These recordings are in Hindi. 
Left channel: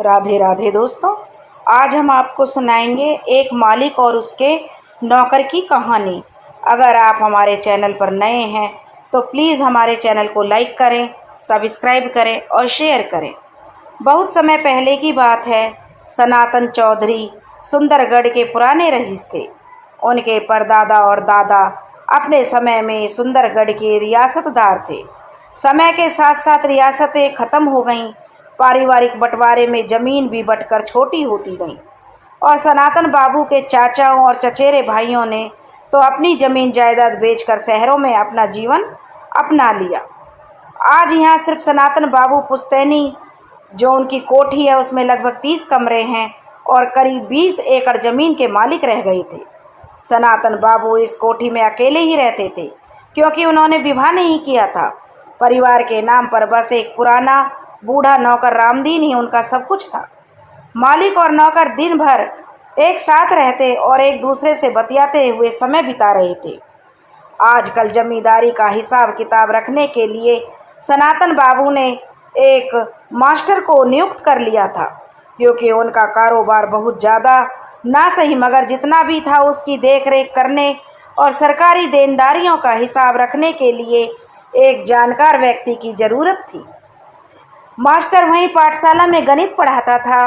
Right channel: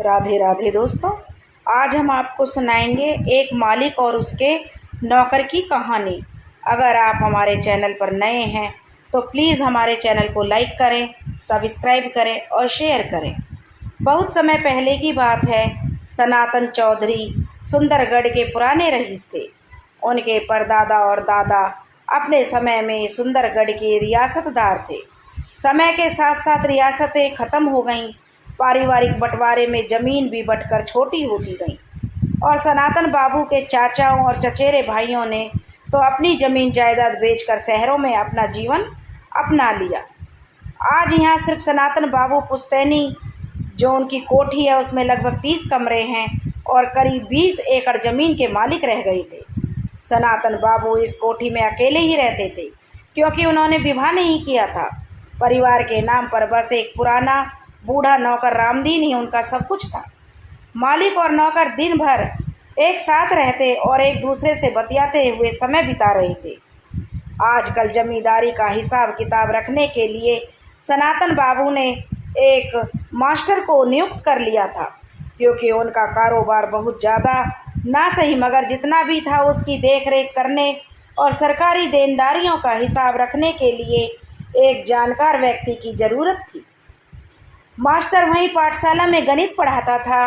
राधे राधे दोस्तों। आज हम आपको सुनाएंगे एक मालिक और उसके नौकर की कहानी। अगर आप हमारे चैनल पर नए हैं तो प्लीज़ हमारे चैनल को लाइक करें, सब्सक्राइब करें और शेयर करें। बहुत समय पहले की बात है। सनातन चौधरी सुंदरगढ़ के पुराने रईस थे। उनके परदादा और दादा अपने समय में सुंदरगढ़ के रियासतदार थे। समय के साथ साथ रियासतें ख़त्म हो गईं। पारिवारिक बंटवारे में ज़मीन भी बंटकर छोटी होती गई और सनातन बाबू के चाचाओं और चचेरे भाइयों ने तो अपनी ज़मीन जायदाद बेचकर शहरों में अपना जीवन अपना लिया। आज यहाँ सिर्फ सनातन बाबू पुश्तैनी, जो उनकी कोठी है, उसमें लगभग 30 कमरे हैं और करीब 20 एकड़ ज़मीन के मालिक रह गए थे। सनातन बाबू इस कोठी में अकेले ही रहते थे क्योंकि उन्होंने विवाह नहीं किया था। परिवार के नाम पर बस एक पुराना बूढ़ा नौकर रामदीन ही उनका सब कुछ था। मालिक और नौकर दिन भर एक साथ रहते और एक दूसरे से बतियाते हुए समय बिता रहे थे। आजकल जमींदारी का हिसाब किताब रखने के लिए सनातन बाबू ने एक मास्टर को नियुक्त कर लिया था क्योंकि उनका कारोबार बहुत ज़्यादा ना सही मगर जितना भी था उसकी देख रेख करने और सरकारी देनदारियों का हिसाब रखने के लिए एक जानकार व्यक्ति की ज़रूरत थी। मास्टर वहीं पाठशाला में गणित पढ़ाता था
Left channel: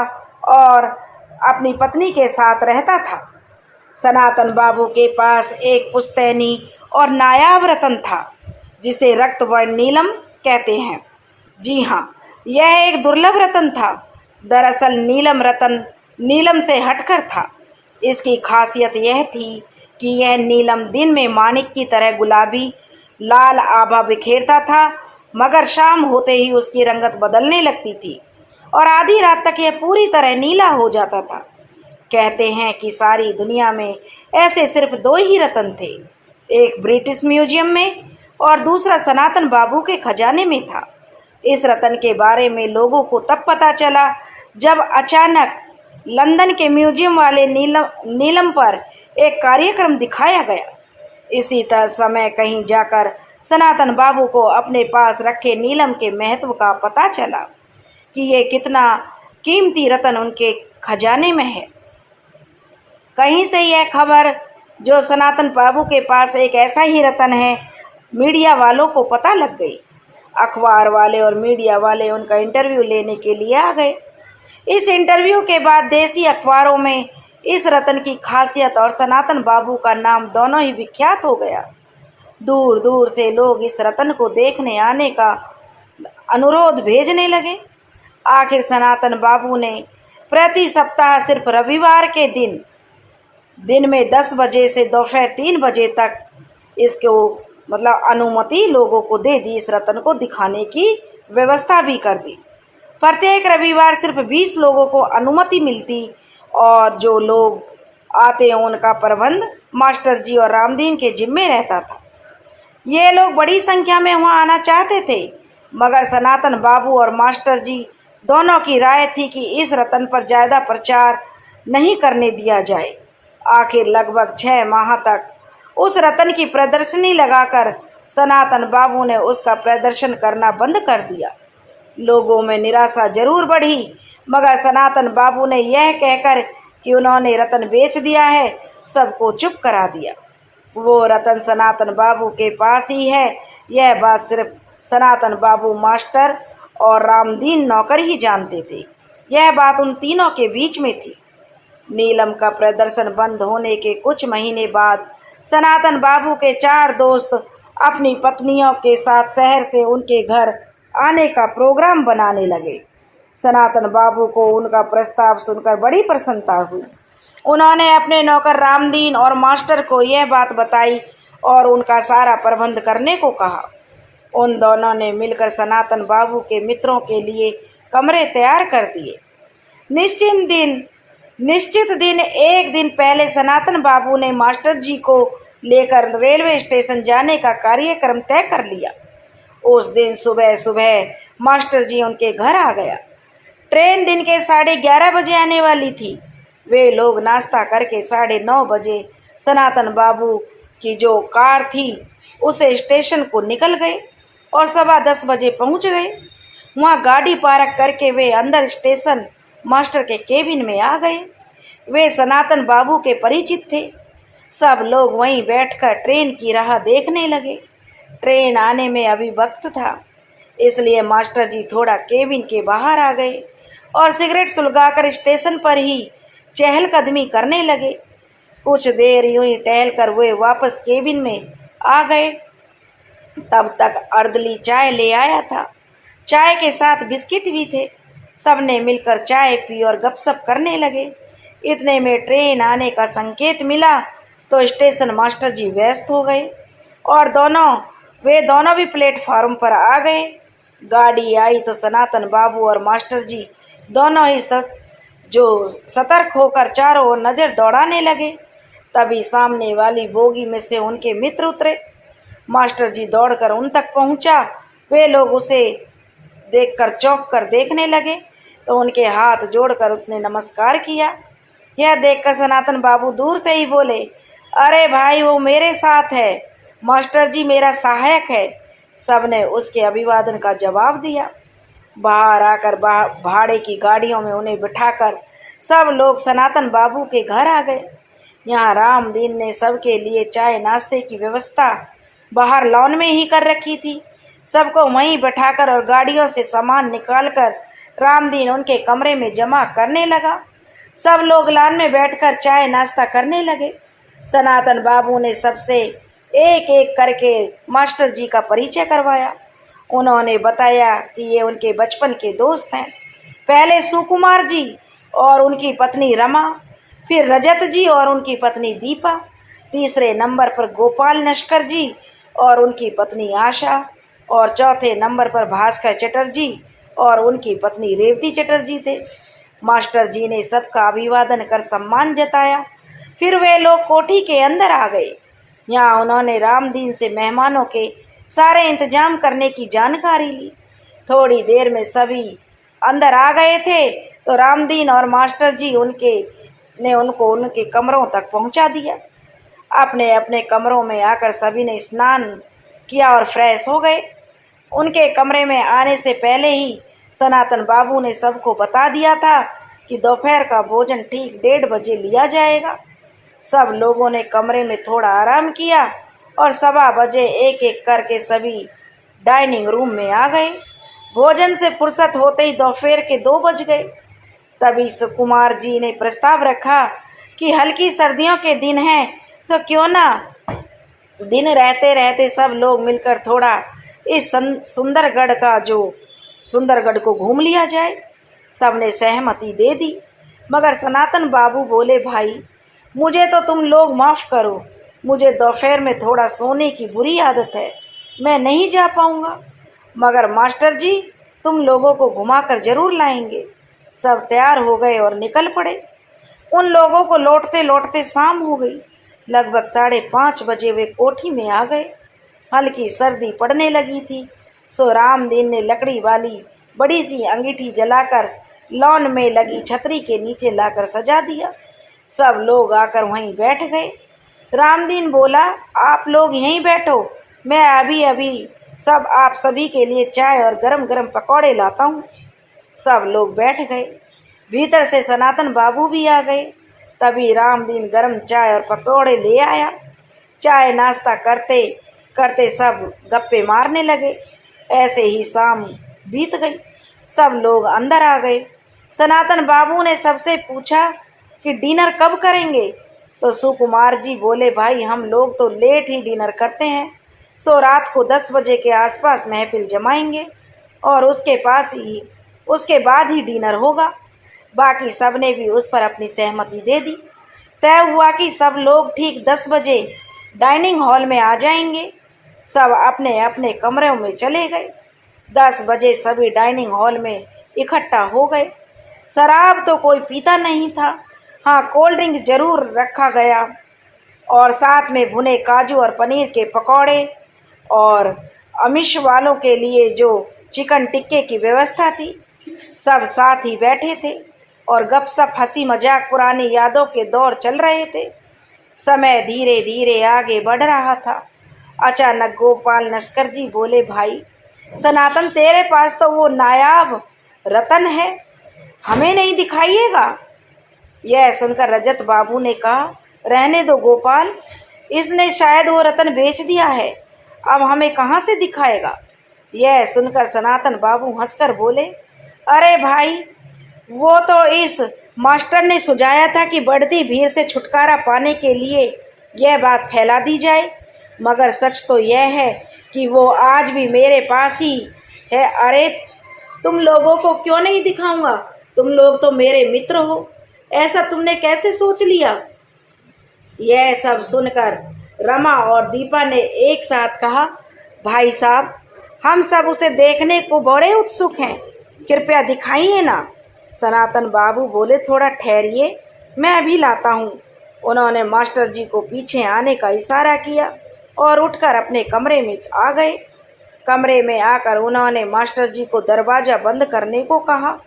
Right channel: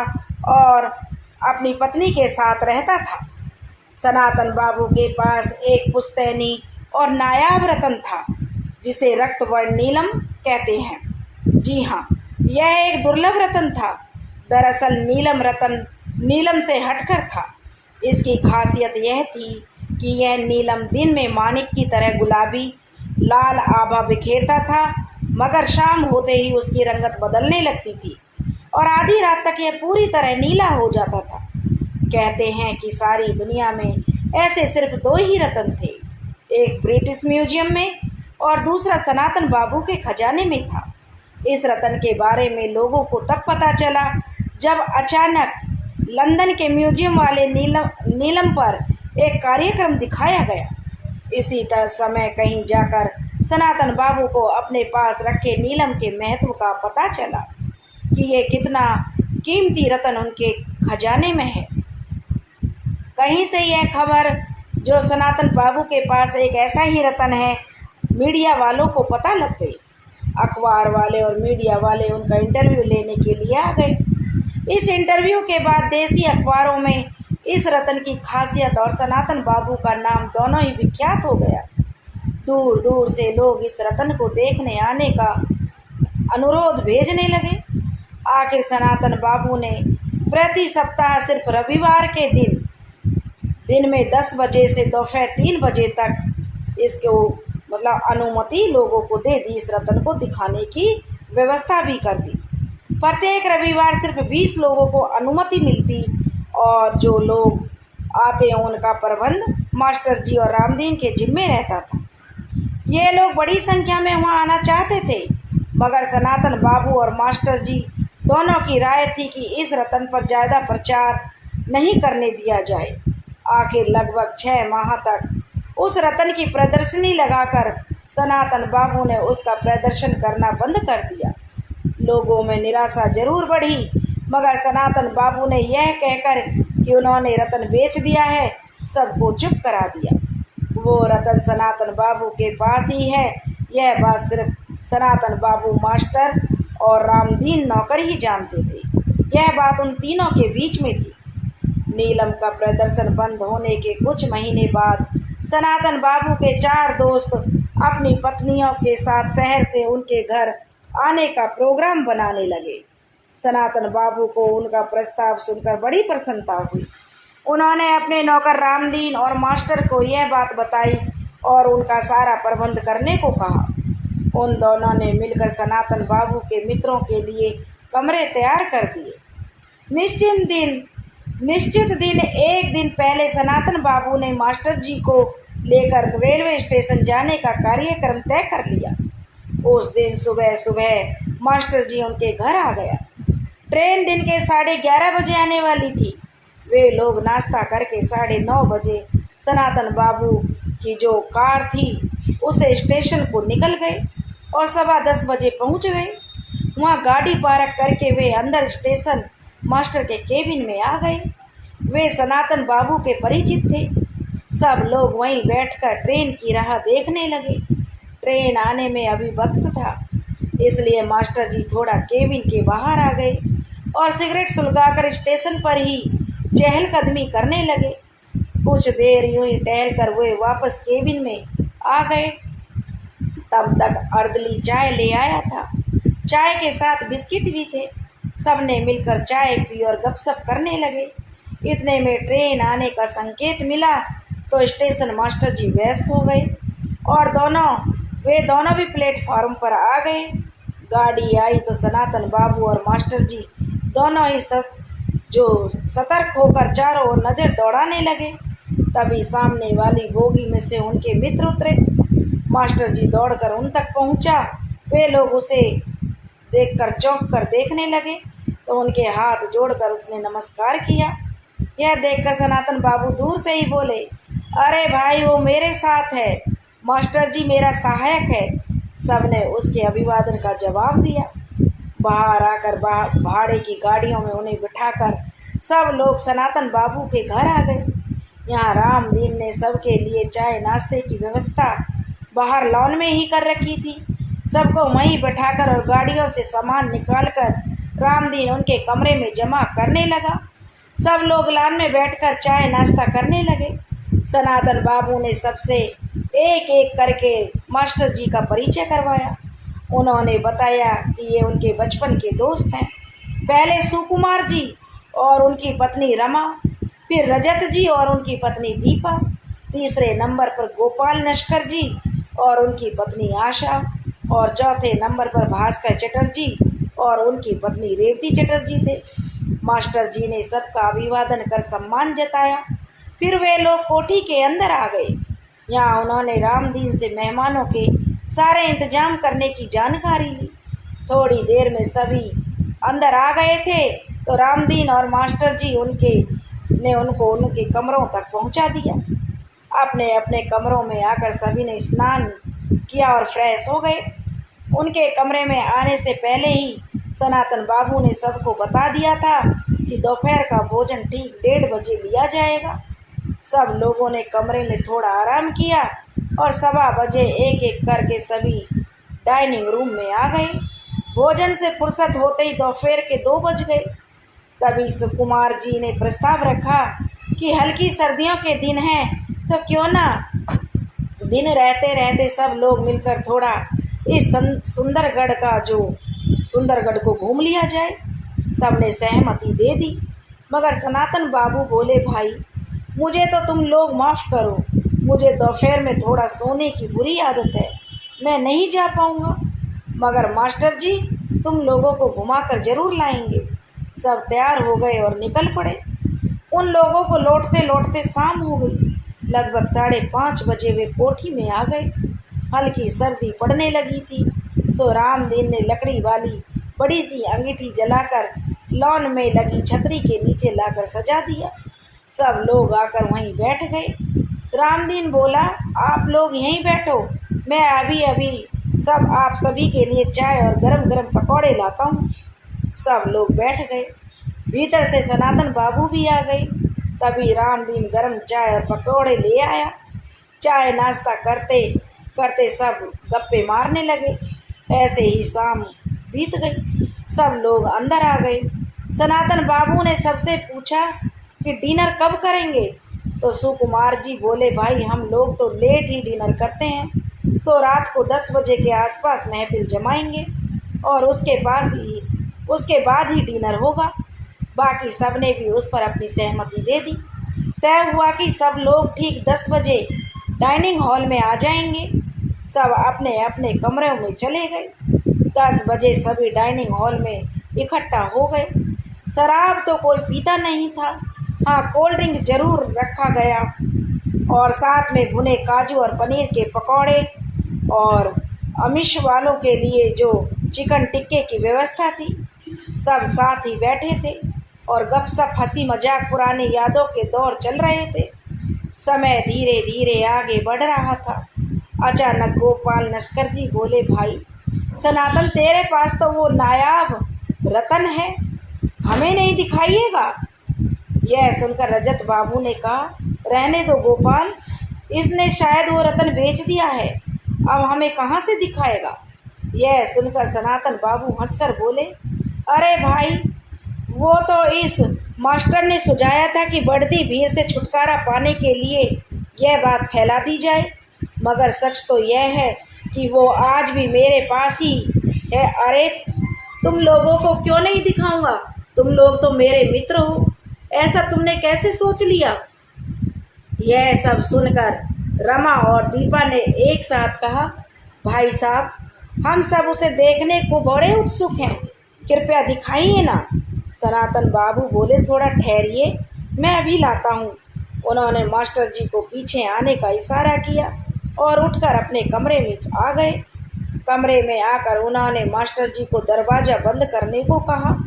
और अपनी पत्नी के साथ रहता था। सनातन बाबू के पास एक पुश्तैनी और नायाब रतन था जिसे रक्तवर्ण नीलम कहते हैं। जी हाँ, यह एक दुर्लभ रतन था। दरअसल नीलम रतन नीलम से हटकर था। इसकी खासियत यह थी कि यह नीलम दिन में माणिक की तरह गुलाबी लाल आभा बिखेरता था मगर शाम होते ही उसकी रंगत बदलने लगती थी और आधी रात तक यह पूरी तरह नीला हो जाता था। कहते हैं कि सारी दुनिया में ऐसे सिर्फ 2 ही रतन थे, एक ब्रिटिश म्यूजियम में और दूसरा सनातन बाबू के खजाने में था। इस रतन के बारे में लोगों को तब पता चला जब अचानक लंदन के म्यूजियम वाले नीलम पर एक कार्यक्रम दिखाया गया। इसी तरह समय कहीं जाकर सनातन बाबू को अपने पास रखे नीलम के महत्व का पता चला कि ये कितना कीमती रतन उनके खजाने में है। कहीं से यह खबर जो सनातन बाबू के पास एक ऐसा ही रतन है मीडिया वालों को पता लग गई। अखबार वाले और मीडिया वाले उनका इंटरव्यू लेने के लिए आ गए। इस इंटरव्यू के बाद देसी अखबारों में इस रतन की खासियत और सनातन बाबू का नाम दोनों ही विख्यात हो गया। दूर दूर से लोग इस रतन को देखने आने का अनुरोध भेजने लगे। आखिर सनातन बाबू ने प्रति सप्ताह सिर्फ रविवार के दिन में 10 बजे से दोपहर 3 बजे तक इसको अनुमति लोगों को दे दी। इस रतन को दिखाने की व्यवस्था भी कर दी। प्रत्येक रविवार सिर्फ 20 लोगों को अनुमति मिलती और जो लोग आते उनका प्रबंध मास्टर जी और रामदीन के जिम्मे रहता था। ये लोग बड़ी संख्या में वहाँ आना चाहते थे मगर सनातन बाबू और मास्टर जी दोनों की राय थी कि इस रतन पर ज़्यादा प्रचार नहीं करने दिया जाए। आखिर लगभग 6 माह तक उस रतन की प्रदर्शनी लगाकर सनातन बाबू ने उसका प्रदर्शन करना बंद कर दिया। लोगों में निराशा जरूर बढ़ी मगर सनातन बाबू ने यह कहकर कि उन्होंने रतन बेच दिया है सबको चुप करा दिया। वो रतन सनातन बाबू के पास ही है, यह बात सिर्फ सनातन बाबू मास्टर और रामदीन नौकर ही जानते थे। यह बात उन तीनों के बीच में थी। नीलम का प्रदर्शन बंद होने के कुछ महीने बाद सनातन बाबू के 4 दोस्त अपनी पत्नियों के साथ शहर से उनके घर आने का प्रोग्राम बनाने लगे। सनातन बाबू को उनका प्रस्ताव सुनकर बड़ी प्रसन्नता हुई। उन्होंने अपने नौकर रामदीन और मास्टर को यह बात बताई और उनका सारा प्रबंध करने को कहा। उन दोनों ने मिलकर सनातन बाबू के मित्रों के लिए कमरे तैयार कर दिए। निश्चित दिन एक दिन पहले सनातन बाबू ने मास्टर जी को लेकर रेलवे स्टेशन जाने का कार्यक्रम तय कर लिया। उस दिन सुबह सुबह मास्टर जी उनके घर आ गया। ट्रेन दिन के 11:30 बजे आने वाली थी। वे लोग नाश्ता करके 9:30 बजे सनातन बाबू की जो कार थी उसे स्टेशन को निकल गए और 10:15 बजे पहुंच गए। वहां गाड़ी पार्क करके वे अंदर स्टेशन मास्टर के केबिन में आ गए। वे सनातन बाबू के परिचित थे। सब लोग वहीं बैठकर ट्रेन की राह देखने लगे। ट्रेन आने में अभी वक्त था, इसलिए मास्टर जी थोड़ा केबिन के बाहर आ गए और सिगरेट सुलगाकर स्टेशन पर ही चहलकदमी करने लगे। कुछ देर यूं ही टहलकर वे वापस केबिन में आ गए। तब तक अर्दली चाय ले आया था। चाय के साथ बिस्किट भी थे। सबने मिलकर चाय पी और गपशप करने लगे। इतने में ट्रेन आने का संकेत मिला तो स्टेशन मास्टर जी व्यस्त हो गए और वे दोनों भी प्लेटफार्म पर आ गए। गाड़ी आई तो सनातन बाबू और मास्टर जी दोनों ही सतर्क होकर चारों ओर नज़र दौड़ाने लगे। तभी सामने वाली बोगी में से उनके मित्र उतरे। मास्टर जी दौड़कर उन तक पहुंचा। वे लोग उसे देखकर चौंक कर देखने लगे तो उनके हाथ जोड़कर उसने नमस्कार किया। यह देखकर सनातन बाबू दूर से ही बोले, अरे भाई, वो मेरे साथ है, मास्टर जी मेरा सहायक है। सबने उसके अभिवादन का जवाब दिया। बाहर आकर भाड़े की गाड़ियों में उन्हें बिठाकर सब लोग सनातन बाबू के घर आ गए। यहाँ रामदीन ने सबके लिए चाय नाश्ते की व्यवस्था बाहर लॉन में ही कर रखी थी। सबको वहीं बैठाकर और गाड़ियों से सामान निकालकर रामदीन उनके कमरे में जमा करने लगा। सब लोग लॉन में बैठकर चाय नाश्ता करने लगे। सनातन बाबू ने सबसे एक एक करके मास्टर जी का परिचय करवाया। उन्होंने बताया कि ये उनके बचपन के दोस्त हैं। पहले सुकुमार जी और उनकी पत्नी रमा, फिर रजत जी और उनकी पत्नी दीपा, तीसरे नंबर पर गोपाल नस्कर जी और उनकी पत्नी आशा, और चौथे नंबर पर भास्कर चटर्जी और उनकी पत्नी रेवती चटर्जी थे। मास्टर जी ने सबका अभिवादन कर सम्मान जताया। फिर वे लोग कोठी के अंदर आ गए। यहाँ उन्होंने रामदीन से मेहमानों के सारे इंतजाम करने की जानकारी ली। थोड़ी देर में सभी अंदर आ गए थे तो रामदीन और मास्टर जी उनको उनके कमरों तक पहुंचा दिया। अपने अपने कमरों में आकर सभी ने स्नान किया और फ्रेश हो गए। उनके कमरे में आने से पहले ही सनातन बाबू ने सबको बता दिया था कि दोपहर का भोजन ठीक 1:30 बजे लिया जाएगा। सब लोगों ने कमरे में थोड़ा आराम किया और 1:15 बजे एक एक करके सभी डाइनिंग रूम में आ गए। भोजन से फुर्सत होते ही दोपहर के 2 बज गए। तभी सुकुमार जी ने प्रस्ताव रखा कि हल्की सर्दियों के दिन हैं तो क्यों ना दिन रहते रहते सब लोग मिलकर थोड़ा इस सुंदरगढ़ को घूम लिया जाए। सबने सहमति दे दी, मगर सनातन बाबू बोले, भाई मुझे तो तुम लोग माफ़ करो, मुझे दोपहर में थोड़ा सोने की बुरी आदत है, मैं नहीं जा पाऊँगा, मगर मास्टर जी तुम लोगों को घुमाकर ज़रूर लाएंगे। सब तैयार हो गए और निकल पड़े। उन लोगों को लौटते लौटते शाम हो गई। लगभग 5:30 बजे वे कोठी में आ गए। हल्की सर्दी पड़ने लगी थी, सो रामदीन ने लकड़ी वाली बड़ी सी अंगीठी जलाकर लॉन में लगी छतरी के नीचे लाकर सजा दिया। सब लोग आकर वहीं बैठ गए। रामदीन बोला, आप लोग यहीं बैठो, मैं अभी आप सभी के लिए चाय और गरम गरम पकौड़े लाता हूँ। सब लोग बैठ गए। भीतर से सनातन बाबू भी आ गए। तभी रामदीन गरम चाय और पकौड़े ले आया। चाय नाश्ता करते करते सब गप्पे मारने लगे। ऐसे ही शाम बीत गई। सब लोग अंदर आ गए। सनातन बाबू ने सबसे पूछा कि डिनर कब करेंगे, तो सुकुमार जी बोले, भाई हम लोग तो लेट ही डिनर करते हैं, सो रात को 10 बजे के आसपास महफिल जमाएंगे और उसके बाद ही डिनर होगा। बाकी सब ने भी उस पर अपनी सहमति दे दी। तय हुआ कि सब लोग ठीक 10 बजे डाइनिंग हॉल में आ जाएंगे। सब अपने अपने कमरों में चले गए। 10 बजे सभी डाइनिंग हॉल में इकट्ठा हो गए। शराब तो कोई पीता नहीं था, हाँ कोल्ड ड्रिंक जरूर रखा गया और साथ में भुने काजू और पनीर के पकौड़े और अमिश वालों के लिए जो चिकन टिक्के की व्यवस्था थी। सब साथ ही बैठे थे और गपशप हंसी मजाक पुरानी यादों के दौर चल रहे थे। समय धीरे धीरे आगे बढ़ रहा था। अचानक गोपाल नस्कर जी बोले, भाई सनातन तेरे पास तो वो नायाब रतन है, हमें नहीं दिखाइएगा। यह सुनकर रजत बाबू ने कहा, रहने दो गोपाल, इसने शायद वो रतन बेच दिया है, अब हमें कहाँ से दिखाएगा। यह सुनकर सनातन बाबू हंसकर बोले, अरे भाई, वो तो इस मास्टर ने सुझाया था कि बढ़ती भीड़ से छुटकारा पाने के लिए यह बात फैला दी जाए, मगर सच तो यह है कि वो आज भी मेरे पास ही है। अरे तुम लोगों को क्यों नहीं दिखाऊंगा, तुम लोग तो मेरे मित्र हो, ऐसा तुमने कैसे सोच लिया। यह सब सुनकर रमा और दीपा ने एक साथ कहा, भाई साहब, हम सब उसे देखने को बड़े उत्सुक हैं, कृपया दिखाइए ना। सनातन बाबू बोले, थोड़ा ठहरिए, मैं अभी लाता हूँ। उन्होंने मास्टर जी को पीछे आने का इशारा किया और उठकर अपने कमरे में आ गए। कमरे में आकर उन्होंने मास्टर जी को दरवाज़ा बंद करने को कहा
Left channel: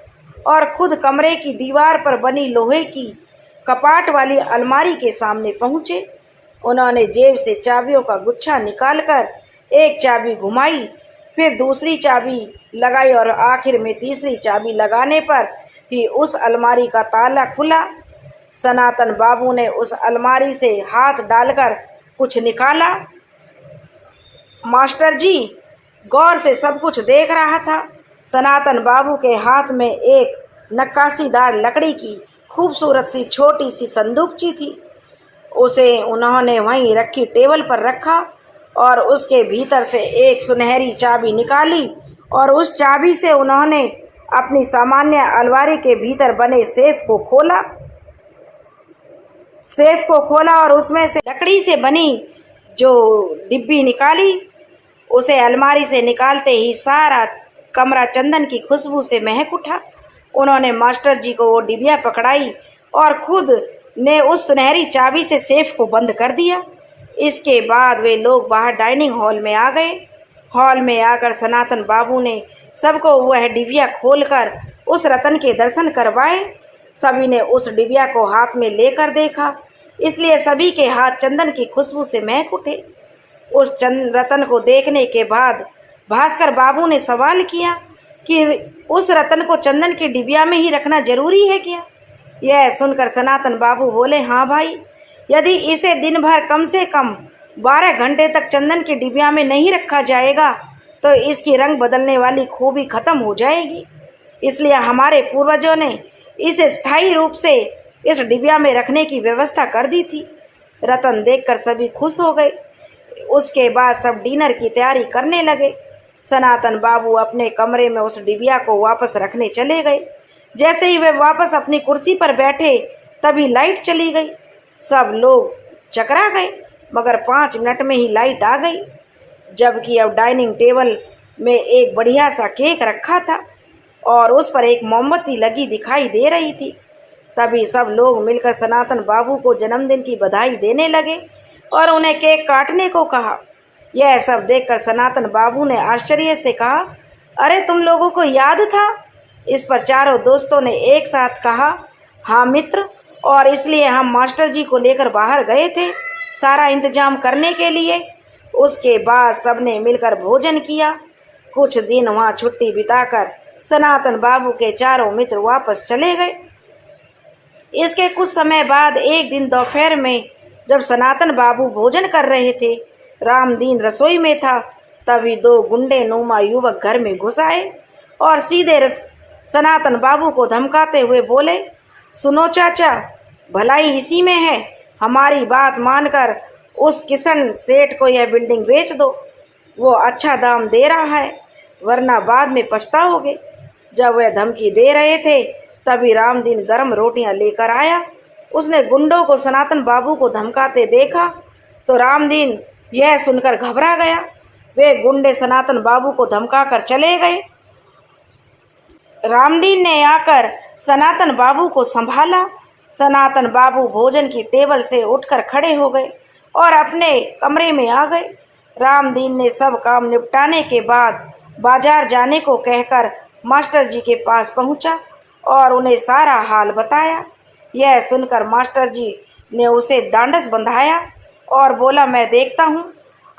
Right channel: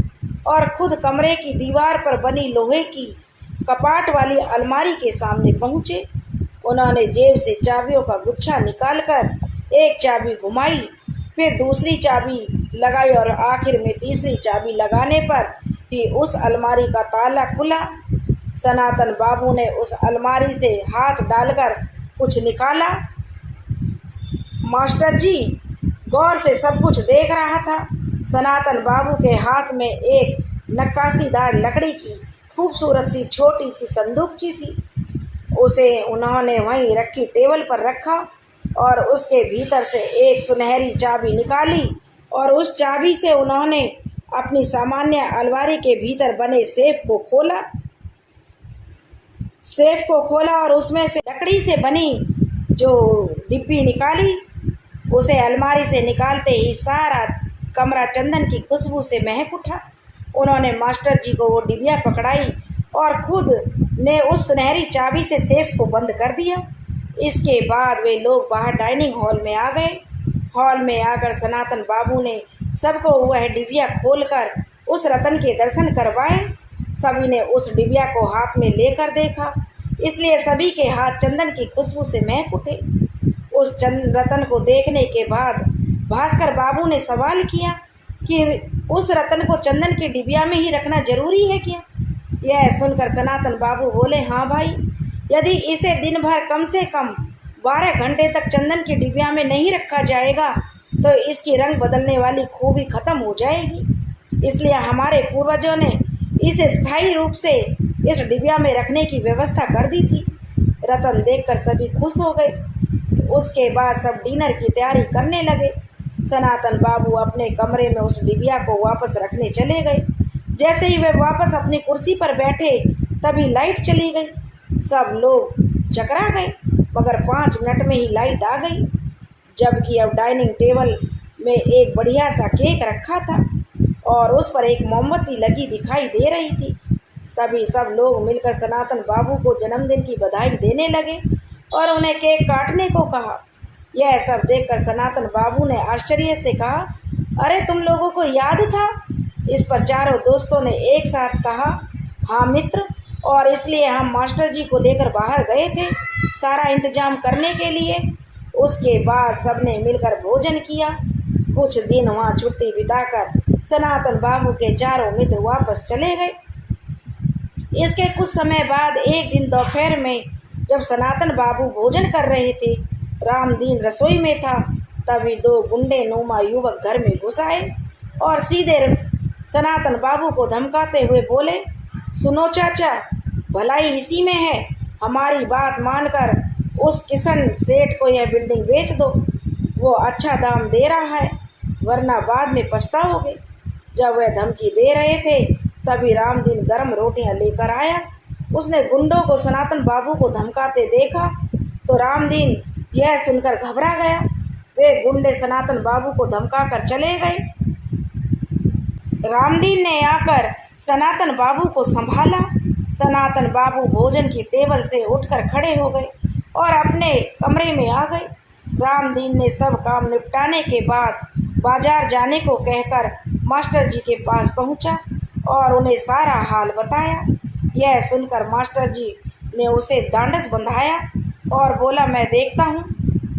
और खुद कमरे की दीवार पर बनी लोहे की कपाट वाली अलमारी के सामने पहुँचे। उन्होंने जेब से चाबियों का गुच्छा निकालकर एक चाबी घुमाई, फिर दूसरी चाबी लगाई और आखिर में तीसरी चाबी लगाने पर ही उस अलमारी का ताला खुला। सनातन बाबू ने उस अलमारी से हाथ डालकर कुछ निकाला। मास्टर जी गौर से सब कुछ देख रहा था। सनातन बाबू के हाथ में एक नक्काशीदार लकड़ी की खूबसूरत सी छोटी सी संदूकची थी। उसे उन्होंने वहीं रखी टेबल पर रखा और उसके भीतर से एक सुनहरी चाबी निकाली और उस चाबी से उन्होंने अपनी सामान्य अलमारी के भीतर बने सेफ को खोला और उसमें से लकड़ी से बनी जो डिब्बी निकाली। उसे अलमारी से निकालते ही सारा कमरा चंदन की खुशबू से महक उठा। उन्होंने मास्टर जी को वो डिबिया पकड़ाई और खुद ने उस सुनहरी चाबी से सेफ को बंद कर दिया। इसके बाद वे लोग बाहर डाइनिंग हॉल में आ गए। हॉल में आकर सनातन बाबू ने सबको वह डिबिया खोलकर उस रतन के दर्शन करवाए। सभी ने उस डिबिया को हाथ में लेकर देखा, इसलिए सभी के हाथ चंदन की खुशबू से महक उठे। उस रतन को देखने के बाद भास्कर बाबू ने सवाल किया कि उस रतन को चंदन की डिबिया में ही रखना जरूरी है क्या। यह सुनकर सनातन बाबू बोले, हाँ भाई, यदि इसे दिन भर कम से कम 12 घंटे तक चंदन की डिबिया में नहीं रखा जाएगा तो इसकी रंग बदलने वाली खूबी खत्म हो जाएगी। इसलिए हमारे पूर्वजों ने इसे स्थायी रूप से इस डिबिया में रखने की व्यवस्था कर दी थी। रतन देखकर सभी खुश हो गए। उसके बाद सब डिनर की तैयारी करने लगे। सनातन बाबू अपने कमरे में उस डिबिया को वापस रखने चले गए। जैसे ही वे वापस अपनी कुर्सी पर बैठे तभी लाइट चली गई। सब लोग चकरा गए, मगर 5 मिनट में ही लाइट आ गई। जबकि अब डाइनिंग टेबल में एक बढ़िया सा केक रखा था और उस पर एक मोमबत्ती लगी दिखाई दे रही थी। तभी सब लोग मिलकर सनातन बाबू को जन्मदिन की बधाई देने लगे और उन्हें केक काटने को कहा। यह सब देखकर सनातन बाबू ने आश्चर्य से कहा, अरे तुम लोगों को याद था। इस पर चारों दोस्तों ने एक साथ कहा, हाँ मित्र, और इसलिए हम मास्टर जी को लेकर बाहर गए थे सारा इंतजाम करने के लिए। उसके बाद सबने मिलकर भोजन किया। कुछ दिन वहाँ छुट्टी बिताकर सनातन बाबू के चारों मित्र वापस चले गए। इसके कुछ समय बाद एक दिन दोपहर में जब सनातन बाबू भोजन कर रहे थे, रामदीन रसोई में था, तभी 2 गुंडे नुमा युवक घर में घुस आए और सीधे सनातन बाबू को धमकाते हुए बोले, सुनो चाचा, भलाई इसी में है, हमारी बात मानकर उस किशन सेठ को यह बिल्डिंग बेच दो, वो अच्छा दाम दे रहा है, वरना बाद में पछताओगे। जब वह धमकी दे रहे थे तभी रामदीन गर्म रोटियां लेकर आया। उसने गुंडों को सनातन बाबू को धमकाते देखा तो रामदीन यह सुनकर घबरा गया। वे गुंडे सनातन बाबू को धमकाकर चले गए। रामदीन ने आकर सनातन बाबू को संभाला। सनातन बाबू भोजन की टेबल से उठकर खड़े हो गए और अपने कमरे में आ गए। रामदीन ने सब काम निपटाने के बाद बाजार जाने को कहकर मास्टर जी के पास पहुंचा और उन्हें सारा हाल बताया। यह सुनकर मास्टर जी ने उसे ढांढस बंधाया और बोला, मैं देखता हूँ।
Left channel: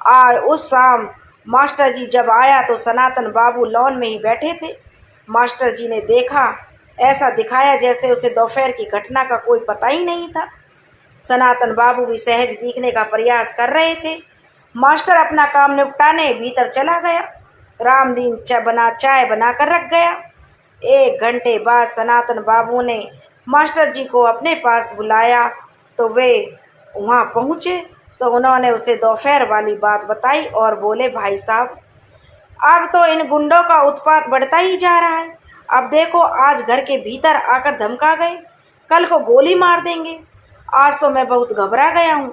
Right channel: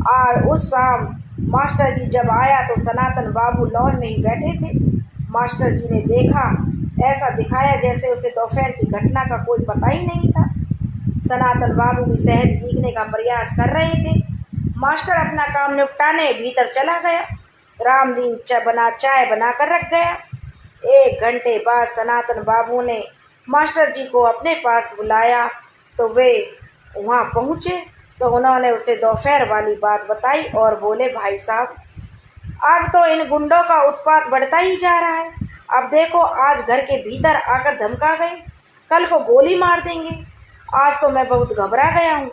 आज उस शाम मास्टर जी जब आया तो सनातन बाबू लॉन में ही बैठे थे। मास्टर जी ने देखा ऐसा दिखाया जैसे उसे दोपहर की घटना का कोई पता ही नहीं था। सनातन बाबू भी सहज दिखने का प्रयास कर रहे थे। मास्टर अपना काम निपटाने भीतर चला गया। रामदीन चाय बना कर रख गया। 1 घंटे बाद सनातन बाबू ने मास्टर जी को अपने पास बुलाया तो वे वहाँ पहुँचे तो उन्होंने उसे दोपहर वाली बात बताई और बोले, भाई साहब, अब तो इन गुंडों का उत्पात बढ़ता ही जा रहा है। अब देखो, आज घर के भीतर आकर धमका गए, कल को गोली मार देंगे। आज तो मैं बहुत घबरा गया हूँ।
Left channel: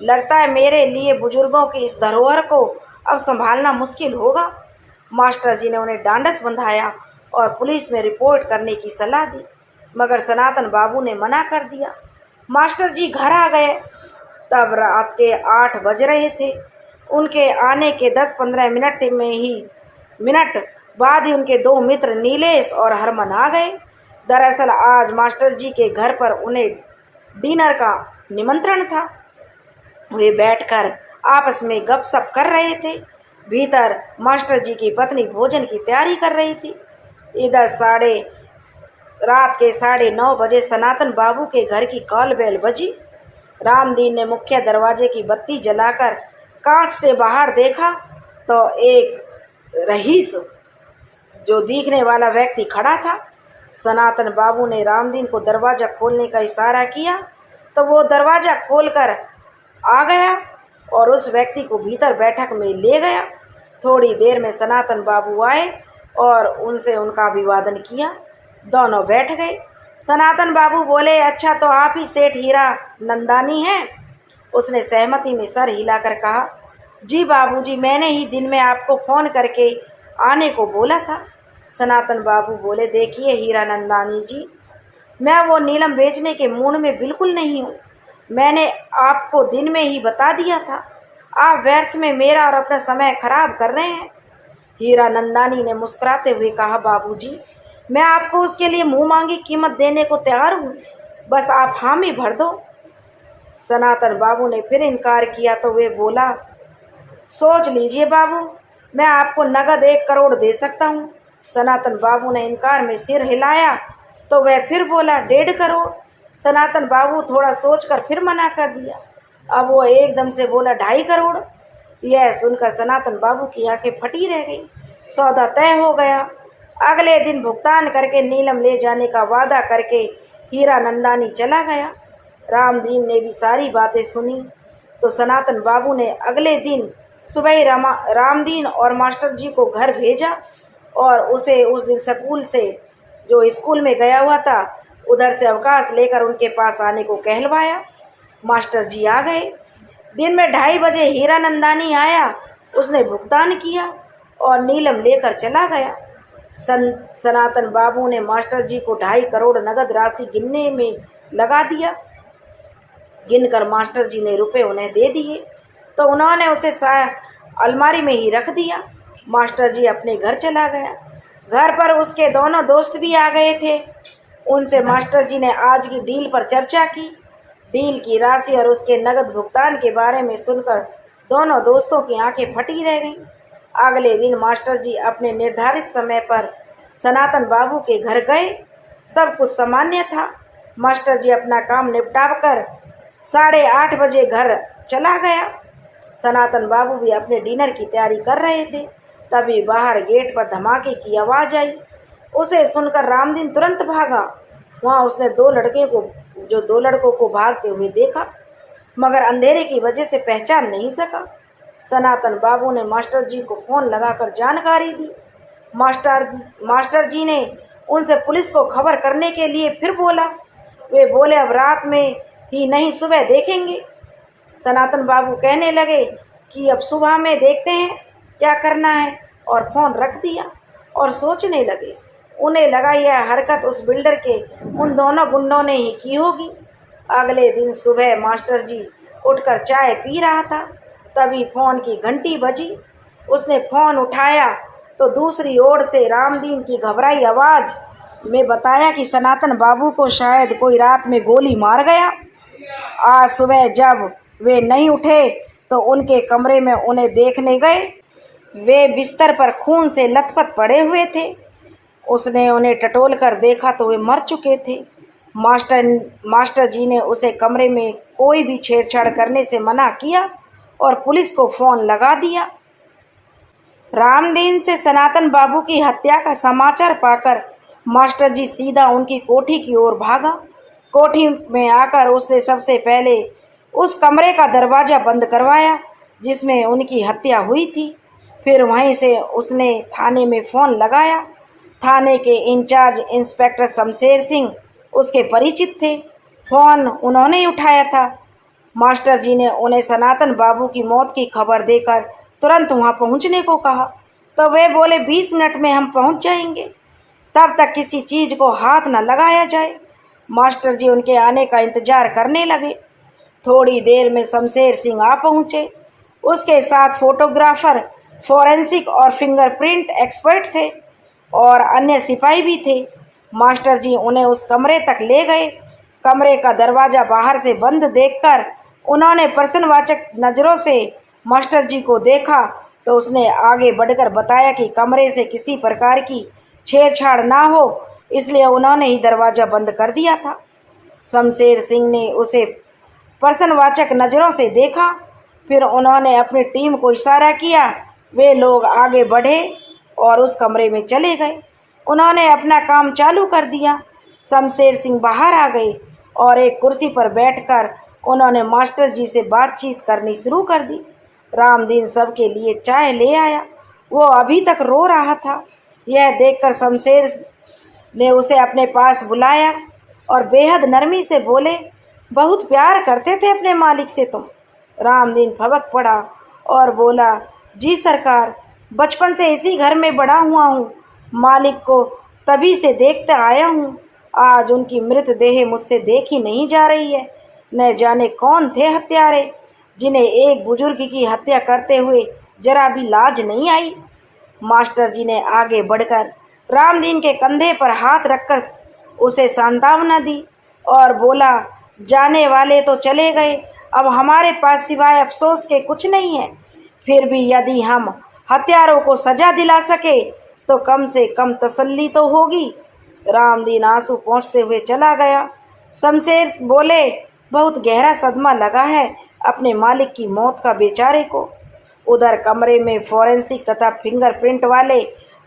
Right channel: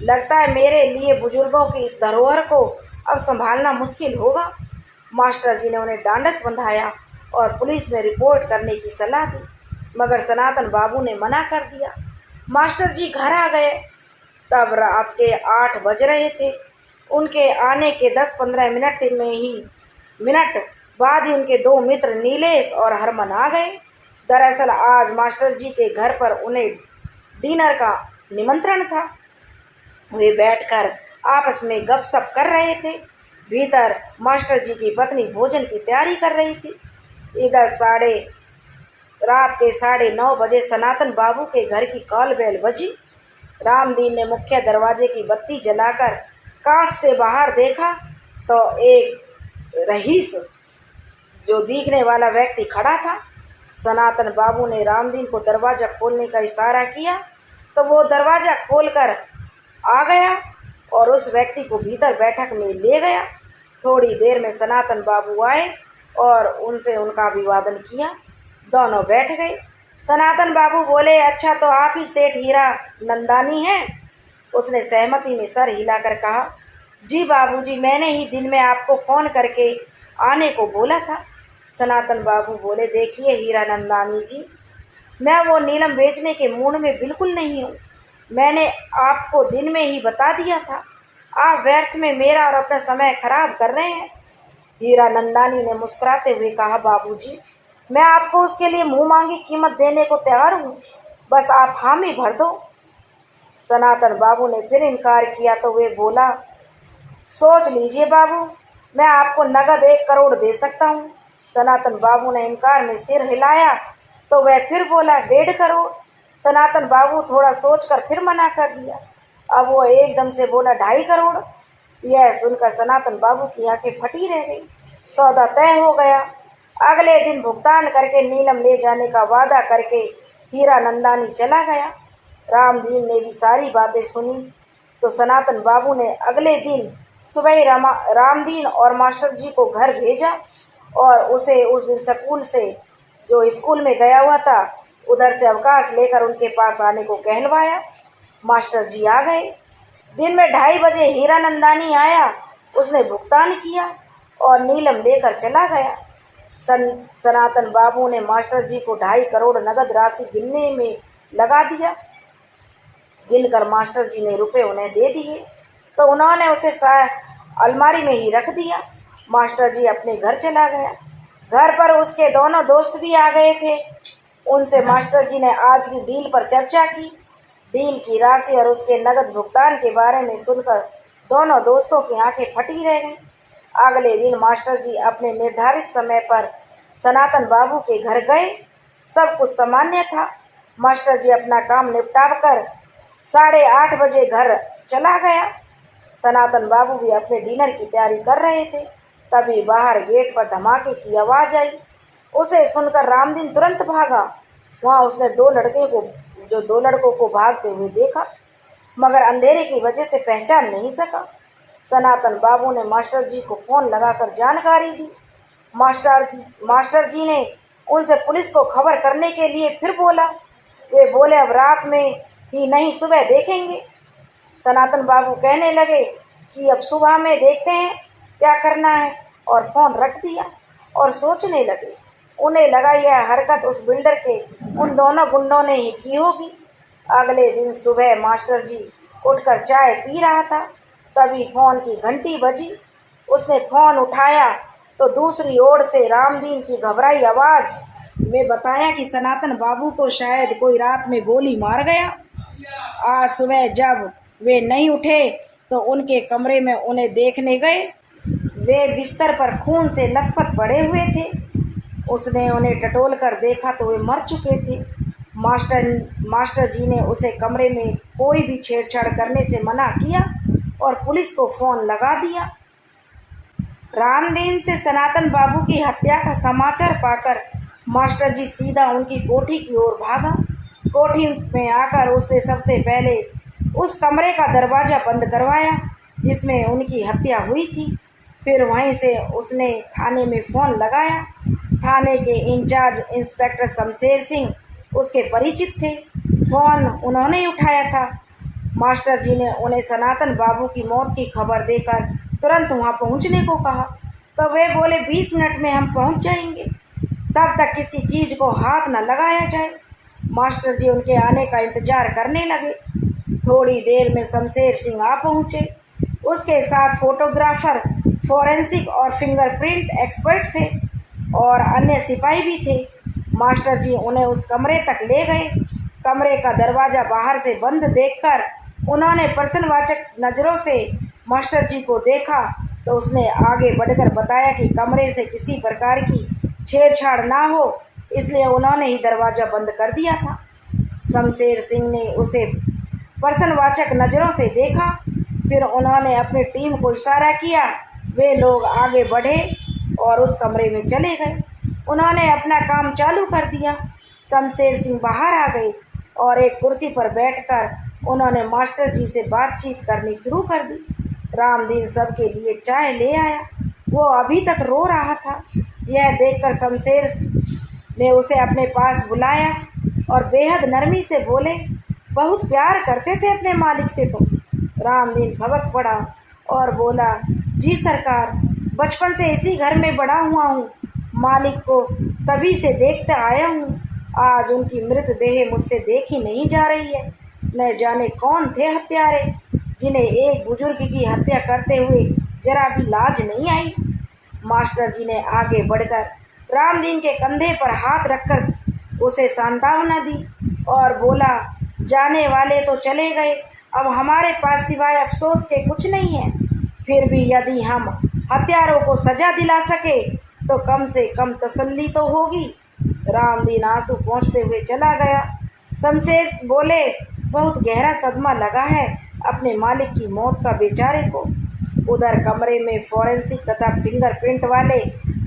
लगता है मेरे लिए बुजुर्गों की इस धरोहर को अब संभालना मुश्किल होगा। मास्टर जी ने उन्हें डांडस बंधाया और पुलिस में रिपोर्ट करने की सलाह दी, मगर सनातन बाबू ने मना कर दिया। मास्टर जी घर आ गए। तब रात के 8 बज रहे थे। उनके आने के 10-15 मिनट बाद ही उनके 2 मित्र नीलेश और हरमन आ गए। दरअसल आज मास्टर जी के घर पर उन्हें डिनर का निमंत्रण था। वे बैठकर आपस में गपशप कर रहे थे। भीतर मास्टर जी की पत्नी भोजन की तैयारी कर रही थी। इधर रात के 9:30 बजे सनातन बाबू के घर की कॉल बेल बजी। रामदीन ने मुख्य दरवाजे की बत्ती जलाकर कांच से बाहर देखा तो एक रईस जो दिखने वाला व्यक्ति खड़ा था। सनातन बाबू ने रामदीन को दरवाज़ा खोलने का इशारा किया तो वो दरवाज़ा खोलकर आ गया और उस व्यक्ति को भीतर बैठक में ले गया। थोड़ी देर में सनातन बाबू आए और उनसे उनका अभिवादन किया। दोनों बैठ गए। सनातन बाबू बोले, अच्छा तो आप ही सेठ हीरा नंदानी हैं? उसने सहमति में सर हिलाकर कहा, जी बाबूजी, मैंने ही दिन में आपको फ़ोन करके आने को बोला था। सनातन बाबू बोले, देखिए हीरा नंदानी जी, मैं वो नीलम बेचने के मूड में बिल्कुल नहीं हूँ। मैंने आपको दिन में ही बता दिया था। आप व्यर्थ में मेरा और अपना समय खराब कर रहे हैं। हीरा नंदानी ने मुस्कुराते हुए कहा, बाबूजी, मैं आपको उसके लिए मुंह मांगी कीमत देने को तैयार हूँ, बस आप हामी भर दो। सनातन बाबू ने फिर इनकार किया तो वे बोला, सोच लीजिए बाबू, मैं आपको नगद 1 करोड़ दे सकता हूँ। सनातन बाबू ने इनकार में सिर हिलाया तो वह फिर बोला, 1.5 करोड़। सनातन बाबू थोड़ा सोचकर फिर मना कर दिया। अब वो एकदम से बोला, 2.5 करोड़। यह सुनकर सनातन बाबू की आंखें फटी रह गई। सौदा तय हो गया। अगले दिन भुगतान करके नीलम ले जाने का वादा करके हीरा नंदानी चला गया। रामदीन ने भी सारी बातें सुनी तो सनातन बाबू ने अगले दिन सुबह रामदीन और मास्टर जी को घर भेजा और उसे उस दिन स्कूल में गया हुआ था उधर से अवकाश लेकर उनके पास आने को कहलवाया। मास्टर जी आ गए। दिन में 2:30 बजे हीरा नंदानी आया। उसने भुगतान किया और नीलम लेकर चला गया। सनातन बाबू ने मास्टर जी को 2.5 करोड़ नगद राशि गिनने में लगा दिया। गिनकर मास्टर जी ने रुपए उन्हें दे दिए तो उन्होंने उसे अलमारी में ही रख दिया। मास्टर जी अपने घर चला गया। घर पर उसके दोनों दोस्त भी आ गए थे। उनसे मास्टर जी ने आज की डील पर चर्चा की। डील की राशि और उसके नगद भुगतान के बारे में सुनकर दोनों दोस्तों की आंखें फटी रह गईं। अगले दिन मास्टर जी अपने निर्धारित समय पर सनातन बाबू के घर गए। सब कुछ सामान्य था। मास्टर जी अपना काम निपटाकर 8:30 बजे घर चला गया। सनातन बाबू भी अपने डिनर की तैयारी कर रहे थे। तभी बाहर गेट पर धमाके की आवाज़ आई। उसे सुनकर रामदीन तुरंत भागा। वहाँ उसने 2 लड़कों को भागते हुए देखा, मगर अंधेरे की वजह से पहचान नहीं सका। सनातन बाबू ने मास्टर जी को फ़ोन लगाकर जानकारी दी। मास्टर जी ने उनसे पुलिस को खबर करने के लिए फिर बोला। वे बोले, अब रात में ही नहीं, सुबह देखेंगे। सनातन बाबू कहने लगे कि अब सुबह में देखते हैं क्या करना है, और फ़ोन रख दिया और सोचने लगे। उन्हें लगा यह हरकत उस बिल्डर के उन दोनों गुंडों ने ही की होगी। अगले दिन सुबह मास्टर जी उठकर चाय पी रहा था, तभी फ़ोन की घंटी बजी। उसने फ़ोन उठाया तो दूसरी ओर से रामदीन की घबराई आवाज़ में बताया कि सनातन बाबू को शायद कोई रात में गोली मार गया। आज सुबह जब वे नहीं उठे तो उनके कमरे में उन्हें देखने गए। वे बिस्तर पर खून से लथपथ पड़े हुए थे। उसने उन्हें टटोल कर देखा तो वे मर चुके थे। मास्टर जी ने उसे कमरे में कोई भी छेड़छाड़ करने से मना किया और पुलिस को फ़ोन लगा दिया। रामदीन से सनातन बाबू की हत्या का समाचार पाकर मास्टर जी सीधा उनकी कोठी की ओर भागा। कोठी में आकर उसने सबसे पहले उस कमरे का दरवाज़ा बंद करवाया जिसमें उनकी हत्या हुई थी। फिर वहीं से उसने थाने में फ़ोन लगाया। थाने के इंचार्ज इंस्पेक्टर शमशेर सिंह उसके परिचित थे। फ़ोन उन्होंने ही उठाया था। मास्टर जी ने उन्हें सनातन बाबू की मौत की खबर देकर तुरंत वहां पहुंचने को कहा, तो वे बोले 20 मिनट में हम पहुंच जाएंगे, तब तक किसी चीज़ को हाथ न लगाया जाए। मास्टर जी उनके आने का इंतज़ार करने लगे। थोड़ी देर में शमशेर सिंह आ पहुँचे। उसके साथ फोटोग्राफर, फॉरेंसिक और फिंगरप्रिंट एक्सपर्ट थे और अन्य सिपाही भी थे। मास्टर जी उन्हें उस कमरे तक ले गए। कमरे का दरवाज़ा बाहर से बंद देखकर उन्होंने प्रश्नवाचक नज़रों से मास्टर जी को देखा तो उसने आगे बढ़कर बताया कि कमरे से किसी प्रकार की छेड़छाड़ ना हो, इसलिए उन्होंने ही दरवाज़ा बंद कर दिया था। शमशेर सिंह ने उसे प्रश्नवाचक नज़रों से देखा। फिर उन्होंने अपनी टीम को इशारा किया। वे लोग आगे बढ़े और उस कमरे में चले गए। उन्होंने अपना काम चालू कर दिया। शमशेर सिंह बाहर आ गए और एक कुर्सी पर बैठकर उन्होंने मास्टर जी से बातचीत करनी शुरू कर दी। रामदीन सबके लिए चाय ले आया। वो अभी तक रो रहा था। यह देखकर शमशेर ने उसे अपने पास बुलाया और बेहद नरमी से बोले, बहुत प्यार करते थे अपने मालिक से तुम। रामदीन भड़क पड़ा और बोला, जी सरकार, बचपन से इसी घर में बड़ा हुआ हूँ। मालिक को तभी से देखते आया हूँ। आज उनकी मृतदेह मुझसे देखी नहीं जा रही है। न जाने कौन थे हत्यारे जिन्हें एक बुजुर्ग की हत्या करते हुए जरा भी लाज नहीं आई। मास्टर जी ने आगे बढ़कर रामदीन के कंधे पर हाथ रखकर उसे सांत्वना दी और बोला, जाने वाले तो चले गए, अब हमारे पास सिवाय अफसोस के कुछ नहीं है। फिर भी यदि हम हत्यारों को सजा दिला सके तो कम से कम तसल्ली तो होगी। रामदीन आंसू पोंछते हुए चला गया। शमशेर बोले, बहुत गहरा सदमा लगा है अपने मालिक की मौत का बेचारे को। उधर कमरे में फॉरेंसिक तथा फिंगरप्रिंट वाले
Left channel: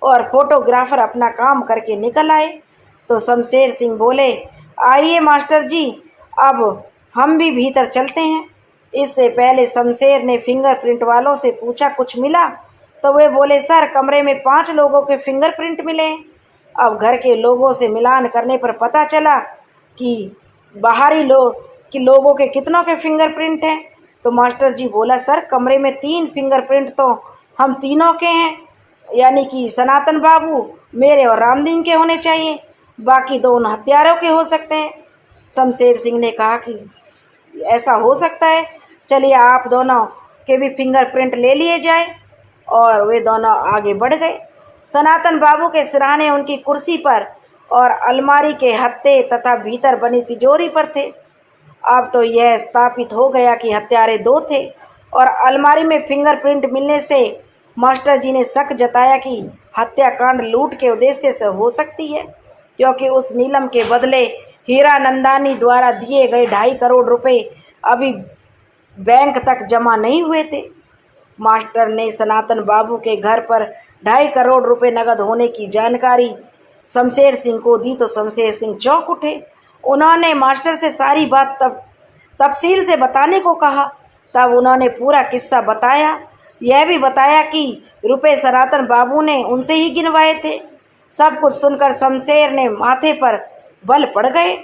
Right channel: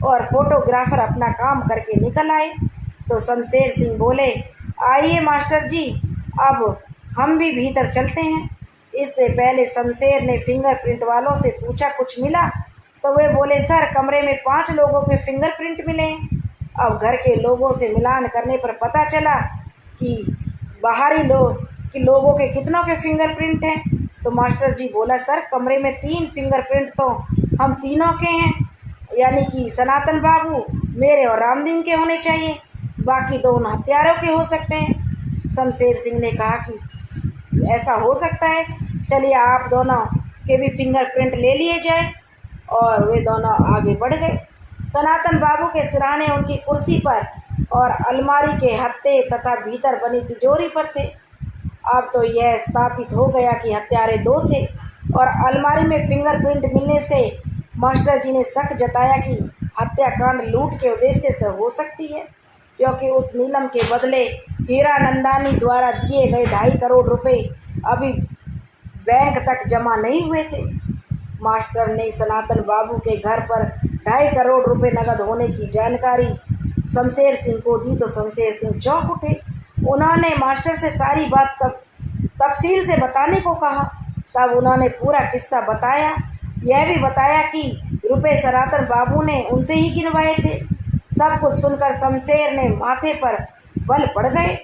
और फोटोग्राफर अपना काम करके निकल आए तो शमशेर सिंह बोले, आइए मास्टर जी, अब हम भी भीतर चलते हैं। इससे पहले शमशेर ने फिंगरप्रिंट वालों से पूछा, कुछ मिला? तो वे बोले, सर, कमरे में 5 लोगों के फिंगरप्रिंट मिले हैं। अब घर के लोगों से मिलान करने पर पता चला कि बाहरी लोगों के कितनों के फिंगरप्रिंट हैं। तो मास्टर जी बोला, सर, कमरे में 3 फिंगरप्रिंट तो हम तीनों के हैं, यानी कि सनातन बाबू, मेरे और रामदीन के होने चाहिए, बाकी 2 उन हत्यारों के हो सकते हैं। शमशेर सिंह ने कहा कि ऐसा हो सकता है, चलिए आप दोनों के भी फिंगरप्रिंट ले लिए जाए। और वे दोनों आगे बढ़ गए। सनातन बाबू के सिरहाने उनकी कुर्सी पर और अलमारी के हत्थे तथा भीतर बनी तिजोरी पर थे। अब तो यह स्थापित हो गया कि हत्यारे 2 थे और अलमारी में फिंगरप्रिंट मिलने से मास्टर जी ने शक जताया कि हत्याकांड लूट के उद्देश्य से हो सकती है, क्योंकि उस नीलम के बदले हीरानंदानी द्वारा दिए गए 2.5 करोड़ रुपए अभी बैंक तक जमा नहीं हुए थे। मास्टर ने सनातन बाबू के घर पर 2.5 करोड़ रुपए नकद होने की जानकारी शमशेर सिंह को दी तो शमशेर सिंह चौंक उठे। उन्होंने मास्टर से सारी बात तफसील से बताने को कहा। तब उन्होंने पूरा किस्सा बताया। यह भी बताया कि रुपए सनातन बाबू ने उनसे ही गिनवाए थे। सब कुछ सुनकर शमशेर ने माथे पर बल पड़ गए।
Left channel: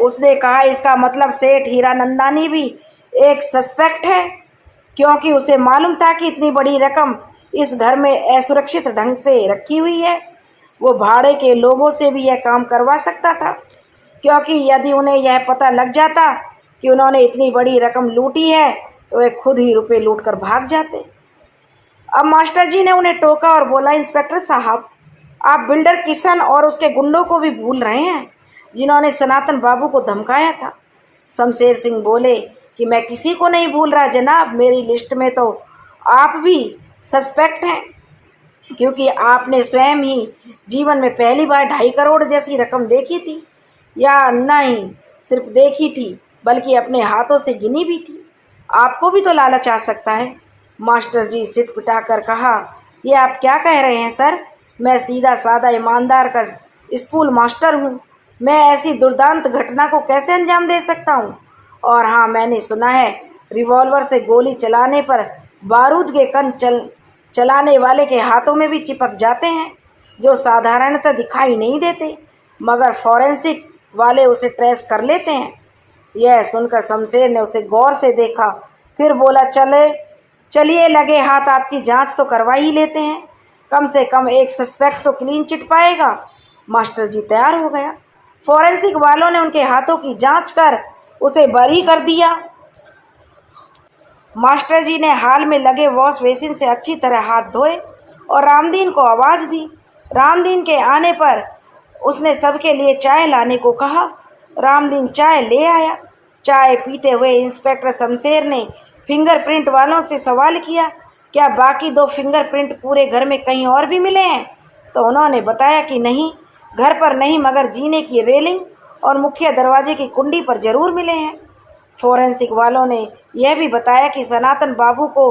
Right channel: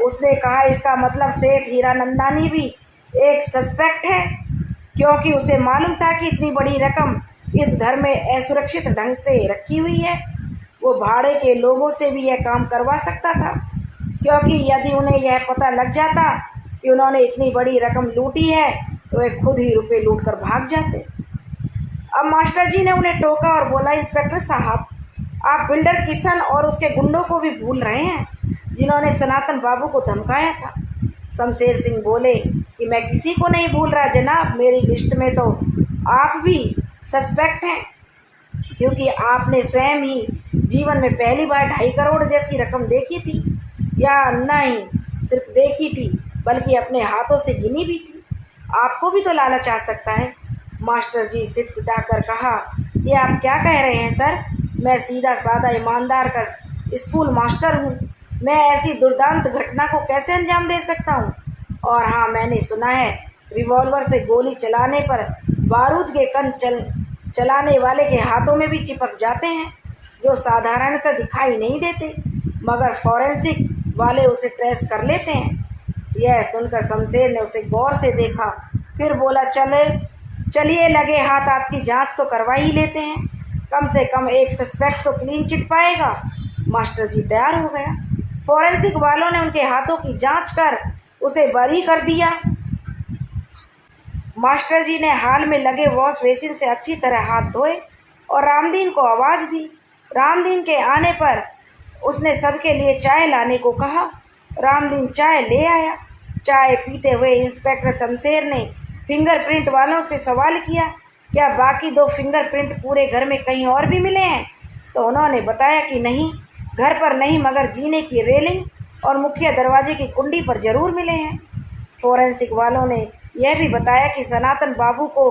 उसने कहा, इसका मतलब सेठ हीरानंदानी भी एक सस्पेक्ट है, क्योंकि उसे मालूम था कि इतनी बड़ी रकम इस घर में असुरक्षित ढंग से रखी हुई है। वो भाड़े के लोगों से भी यह काम करवा सकता था, क्योंकि यदि उन्हें यह पता लग जाता कि उन्होंने इतनी बड़ी रकम लूटी है तो वे खुद ही रुपए लूट कर भाग जाते। अब मास्टर जी ने उन्हें टोका और बोला, इंस्पेक्टर साहब, आप बिल्डर किशन और उसके गुंडों को भी भूल रहे हैं जिन्होंने सनातन बाबू को धमकाया था। शमशेर सिंह बोले कि मैं किसी को नहीं भूल रहा जनाब, मेरी लिस्ट में तो आप भी सस्पेक्ट हैं, क्योंकि आपने स्वयं ही जीवन में पहली बार 2.5 करोड़ जैसी रकम देखी थी, या नहीं सिर्फ देखी थी बल्कि अपने हाथों से गिनी भी थी। आपको भी तो लालच आ सकता है। मास्टर जी सिर पिटाकर कहा, ये आप क्या कह रहे हैं सर? मैं सीधा साधा ईमानदार का स्कूल मास्टर हूँ। मैं ऐसी दुर्दांत घटना को कैसे अंजाम दे सकता हूँ? और हाँ, मैंने सुना है रिवॉल्वर से गोली चलाने पर बारूद के कण चलाने वाले के हाथों में भी चिपक जाते हैं, जो साधारणतः दिखाई नहीं देते, मगर फॉरेंसिक वाले उसे ट्रेस कर लेते हैं। यह सुनकर शमशेर ने उसे गौर से देखा, फिर बोला, चलिए लगे हाथ आपकी जांच तो करवा ही लेते हैं। कम से कम एक सस्पेक्ट तो क्लीन चिट पाएगा। मास्टर जी तैयार हो गया। फॉरेंसिक वालों ने उनके हाथों की जांच कर उसे बरी कर दिया। मास्टर जी ने हाल में लगे वॉश बेसिन से अच्छी तरह हाथ धोए और रामदीन को आवाज़ दी। रामदीन के आने पर उसने सबके लिए चाय लाने को कहा। रामदीन चाय ले आया। चाय पीते हुए इंस्पेक्टर शमशेर ने फिंगरप्रिंट वालों से सवाल किया, क्या बाकी 2 फिंगरप्रिंट पूरे घर में कहीं और भी मिले हैं? तो उन्होंने बताया कि नहीं, घर पर नहीं, मगर जीने की रेलिंग और मुख्य दरवाजे की कुंडी पर जरूर मिले हैं। फॉरेंसिक वालों ने यह भी बताया कि सनातन बाबू को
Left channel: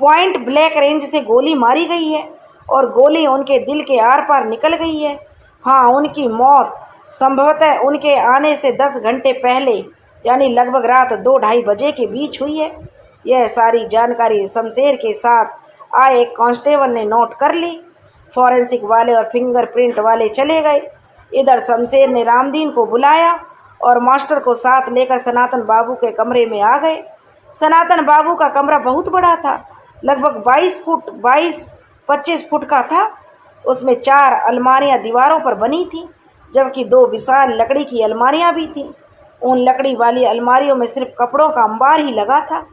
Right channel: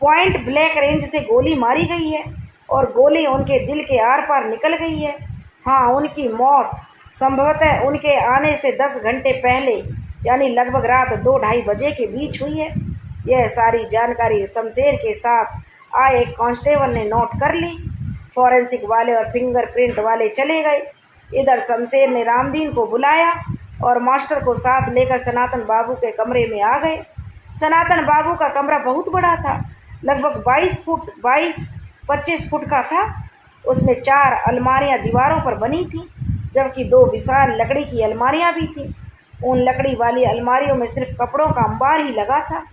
पॉइंट ब्लैक रेंज से गोली मारी गई है और गोली उनके दिल के आर पार निकल गई है। हाँ, उनकी मौत संभवतः उनके आने से 10 घंटे पहले, यानी लगभग रात 2-2:30 बजे के बीच हुई है। यह सारी जानकारी शमशेर के साथ आए एक कांस्टेबल ने नोट कर ली। फॉरेंसिक वाले और फिंगरप्रिंट वाले चले गए। इधर शमशेर ने रामदीन को बुलाया और मास्टर को साथ लेकर सनातन बाबू के कमरे में आ गए। सनातन बाबू का कमरा बहुत बड़ा था, लगभग 22-25 फुट का था। उसमें 4 अलमारियां दीवारों पर बनी थीं, जबकि 2 विशाल लकड़ी की अलमारियां भी थीं। उन लकड़ी वाली अलमारियों में सिर्फ कपड़ों का अंबार ही लगा था।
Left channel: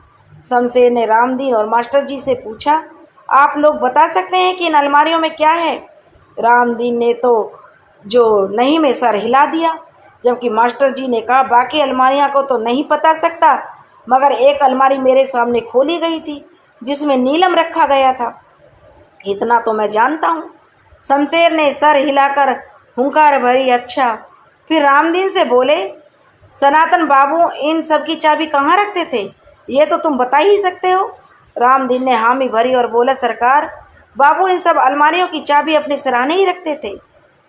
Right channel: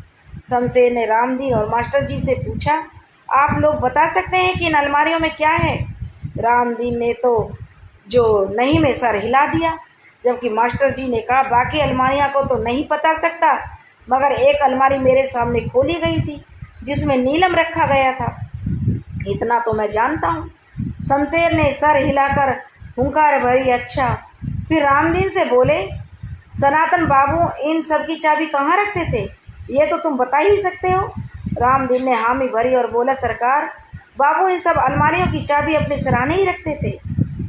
शमशेर ने रामदीन और मास्टर जी से पूछा, आप लोग बता सकते हैं कि इन अलमारियों में क्या है? रामदीन ने तो जो नहीं में सर हिला दिया, जबकि मास्टर जी ने कहा, बाकी अलमारियां को तो नहीं बता सकता, मगर एक अलमारी मेरे सामने खोली गई थी जिसमें नीलम रखा गया था, इतना तो मैं जानता हूँ। शमशेर ने सर हिलाकर हुंकार भरी। अच्छा। फिर रामदीन से बोले, सनातन बाबू इन सब की चाबी कहाँ रखते थे, ये तो तुम बता ही सकते हो। रामदीन ने हामी भरी और बोला, सरकार, बाबू इन सब अलमारियों की चाबी अपने सराहने ही रखते थे।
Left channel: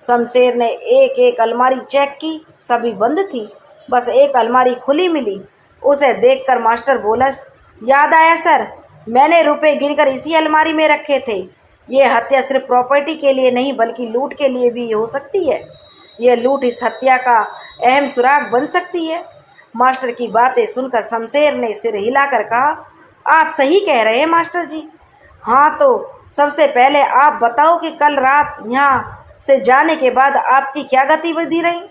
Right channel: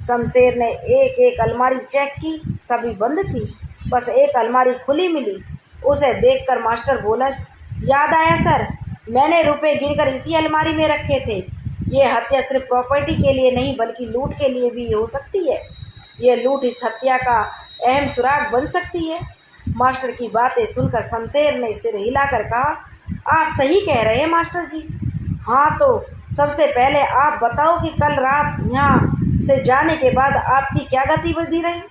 शमशेर ने एक एक अलमारी चेक की, सभी बंद थी, बस एक अलमारी खुली मिली। उसे देखकर मास्टर बोला, याद आया सर, मैंने रुपए गिनकर इसी अलमारी में रखे थे। ये हत्या सिर्फ प्रॉपर्टी के लिए नहीं बल्कि लूट के लिए भी हो सकती है। यह लूट इस हत्या का अहम सुराग बन सकती है। मास्टर की बातें सुनकर शमशेर ने सिर हिलाकर कहा, आप सही कह रहे हैं मास्टर जी। हाँ, तो सबसे पहले आप बताओ कि कल रात यहाँ से जाने के बाद आपकी क्या गतिविधि रही?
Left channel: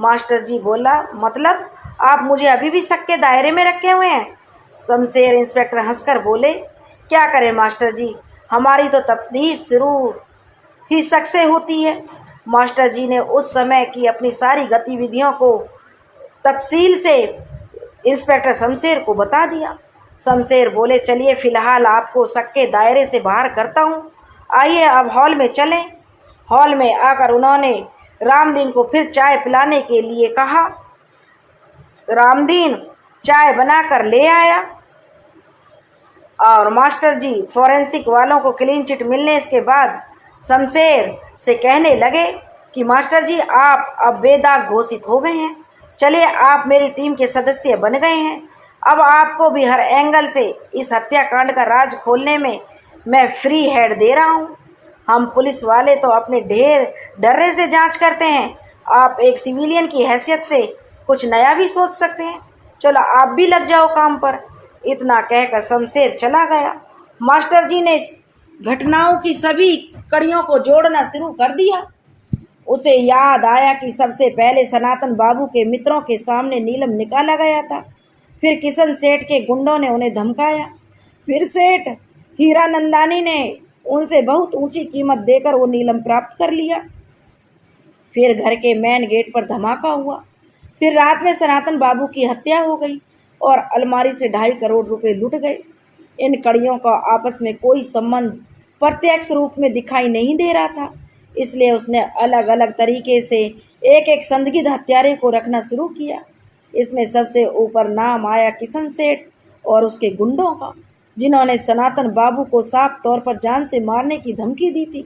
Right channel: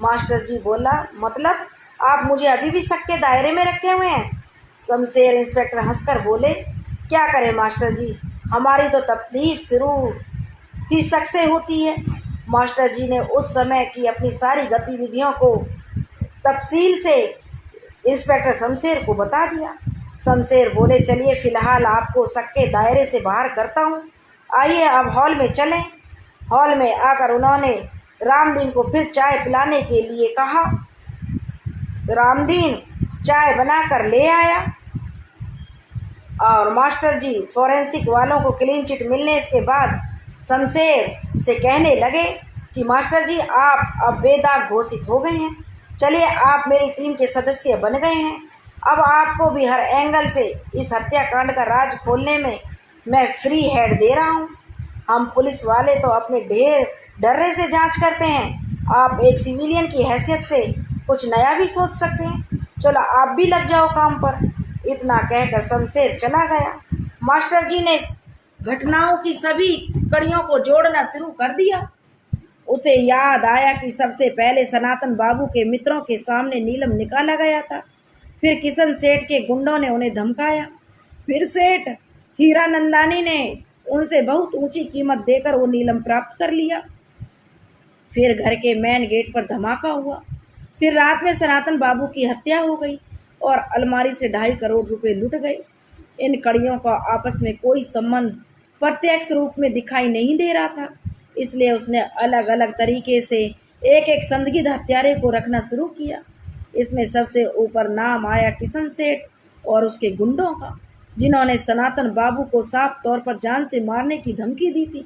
मास्टर जी बोला, मतलब आप मुझे अभी भी शक के दायरे में रखे हुए हैं? शमशेर इंस्पेक्टर हंसकर बोले, क्या करें मास्टर जी, हमारी तो तफ्तीश शुरू ही शक से होती है। मास्टर जी ने उस समय की अपनी सारी गतिविधियों को तफसील से इंस्पेक्टर शमशेर को बता दिया। शमशेर बोले, चलिए फिलहाल आपको शक के दायरे से बाहर करता हूँ, आइए अब हॉल में चलें। हॉल में आकर उन्होंने रामदीन को फिर चाय पिलाने के लिए कहा। रामदीन चाय बनाकर ले आया और मास्टर जी फॉरेंसिक वालों को क्लीन चिट मिलने के बाद शमशेर से कहने लगे कि मास्टर जी, आप अब बेदाग घोषित हो गए हैं। चलिए, आप मेरी टीम के सदस्य बन गए हैं। अब आपको भी हर एंगल से इस हत्याकांड का राज खोलने में मैं फ्री हैंड दे रहा हूं। हम पुलिस वाले तो अपने ढेर डर्रे से जांच करते हैं, आप एक सिविलियन की हैसियत से कुछ नया भी सोच सकते हैं। चलो, आप भी लग जाओ काम पर। इतना कहकर शमशेर चला गया। मास्टर जी ने घटनाओं की सभी कड़ियों को जोड़ना शुरू कर दिया। उसे याद आया कि सबसे पहले सनातन बाबू के मित्रों के सामने नीलम निकाला गया था, फिर किशन सेठ के गुंडों ने उन्हें धमकाया, फिर सेठ हीरानंदानी ने उनसे बहुत ऊंची कीमत देकर वो नीलम प्राप्त कर लिया, फिर घर के मेन गेट पर धमाका हुआ, फिर रात में सनातन बाबू की हत्या हो गई और अलमारी से 2.5 करोड़ रुपए लुट गए। इन कड़ियों का आपस में कोई संबंध प्रत्यक्ष रूप में दिखाई नहीं दे रहा था, इसलिए उसने अलग अलग तरीके से एक एक संदिग्ध हत्यारे को रखना शुरू किया। इसमें सबसे ऊपर नाम आया किशन सेठ और उसके गुंडों का, जिन्होंने सनातन बाबू को साफ तौर पर जान से मारने की धमकी दी थी।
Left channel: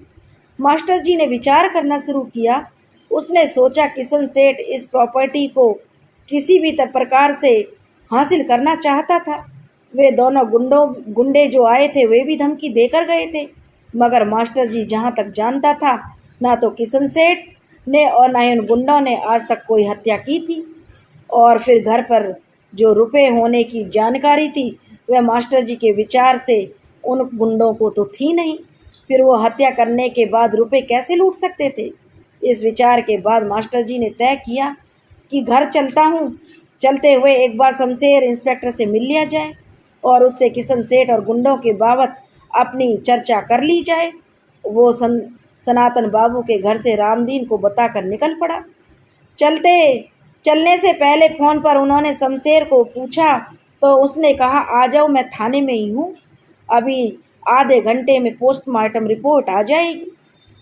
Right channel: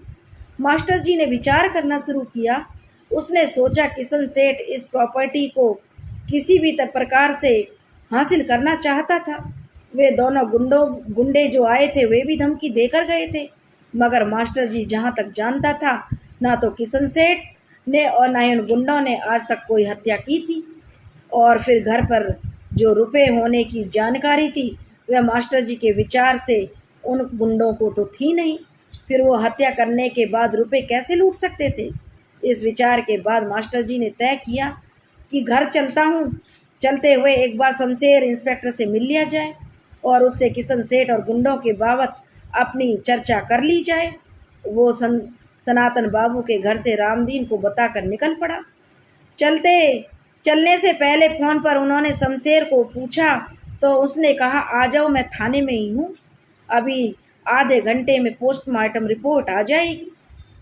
मास्टर जी ने विचार करना शुरू किया। उसने सोचा किशन सेठ इस प्रॉपर्टी को किसी भी प्रकार से हासिल करना चाहता था। वे दोनों गुंडे जो आए थे वे भी धमकी देकर गए थे, मगर मास्टर जी जहाँ तक जानता था, ना तो किशन सेठ ने और ना ही उन गुंडों ने आज तक कोई हत्या की थी। और फिर घर पर जो रुपए होने की जानकारी थी वह मास्टर जी के विचार से उन गुंडों को तो थी नहीं। फिर वो हत्या करने के बाद रुपए कैसे लूट सकते थे? इस विचार के बाद मास्टर जी ने तय किया कि घर चलता हूँ, चलते हुए एक बार शमशेर इंस्पेक्टर से मिल लिया जाए और उससे किशन सेठ और गुंडों के बाबत अपनी चर्चा कर ली जाए। वो सनातन बाबू के घर से रामदीन को बताकर निकल पड़ा। चलने से पहले फ़ोन पर उन्होंने शमशेर को पूछा तो उसने कहा, आ जाओ, मैं थाने में ही हूँ, अभी आधे घंटे में पोस्टमार्टम रिपोर्ट आ जाएगी।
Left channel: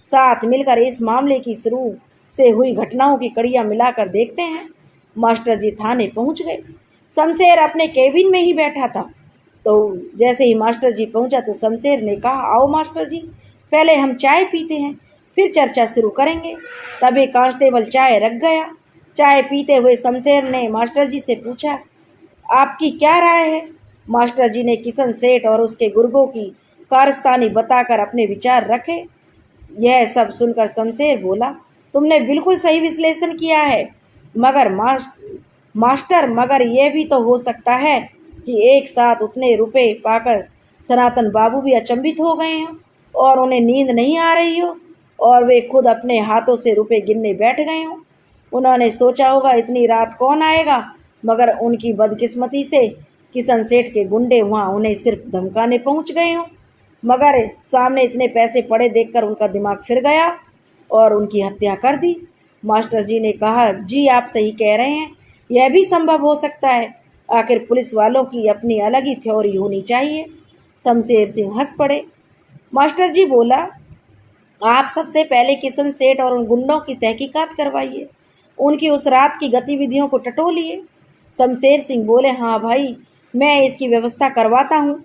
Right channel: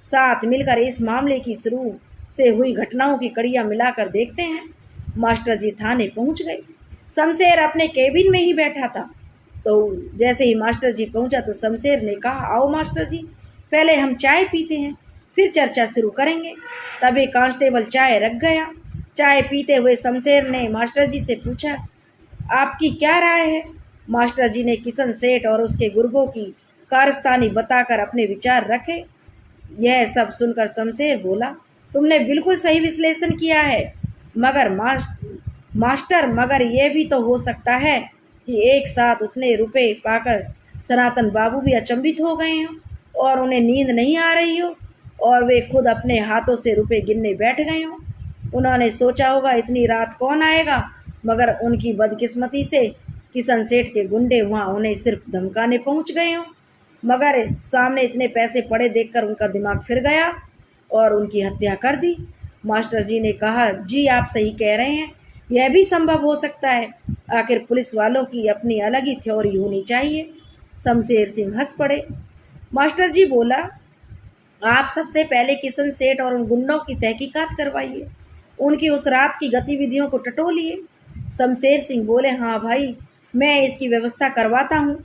साथ मिलकर इस मामले की शुरू से हुई घटनाओं की कड़ियाँ मिलाकर देखते हैं। मास्टर जी थाने पहुँच गए। शमशेर अपने केबिन में ही बैठा था। तो जैसे ही मास्टर जी पहुँचा तो शमशेर ने कहा, आओ मास्टर जी, पहले हम चाय पीते हैं, फिर चर्चा शुरू करेंगे। तभी कांस्टेबल चाय रख गया। चाय पीते हुए शमशेर ने मास्टर जी से पूछा, आपकी क्या राय है? मास्टर जी ने किशन सेठ और उसके गुर्गों की कारस्तानी बताकर अपने विचार रखे। यह सब सुनकर शमशेर बोला, तुमने बिल्कुल सही विश्लेषण किया है, मगर मगर यह भी तो हो सकता है कि एक साथ उतने रुपए पाकर सनातन बाबू भी अचंभित हो गए हों और उन्हें नींद नहीं आ रही हो और वे खुद अपने हाथों से रुपए गिनने बैठ गए हों। उन्होंने सोचा होगा इतनी रात कौन आएगा, मगर उनकी बदकिस्मती से किशन सेठ के गुंडे वहाँ उन्हें सिर्फ धमकाने पहुँच गए हों। मगर सामने इतने पैसे पड़े देखकर उनका दिमाग फिर गया और उनकी हत्या कर दी। मास्टर जी ने कहा, जी आप सही कह रहे हैं, यह भी संभव हो सकता है। आखिर पुलिस वालों की अपनी अलग ही थ्योरी होनी चाहिए। शमशेर सिंह हंस पड़े। मास्टर जी बोला, आप सबसे पहले किशन सेठ और उन गुंडों की तहकीकात करवाइए, उनकी उस रात की गतिविधियों को टटोलिए। शमशेर सिंह बोले, हाँ भाई, मैं इसकी व्यवस्था करवाता हूँ,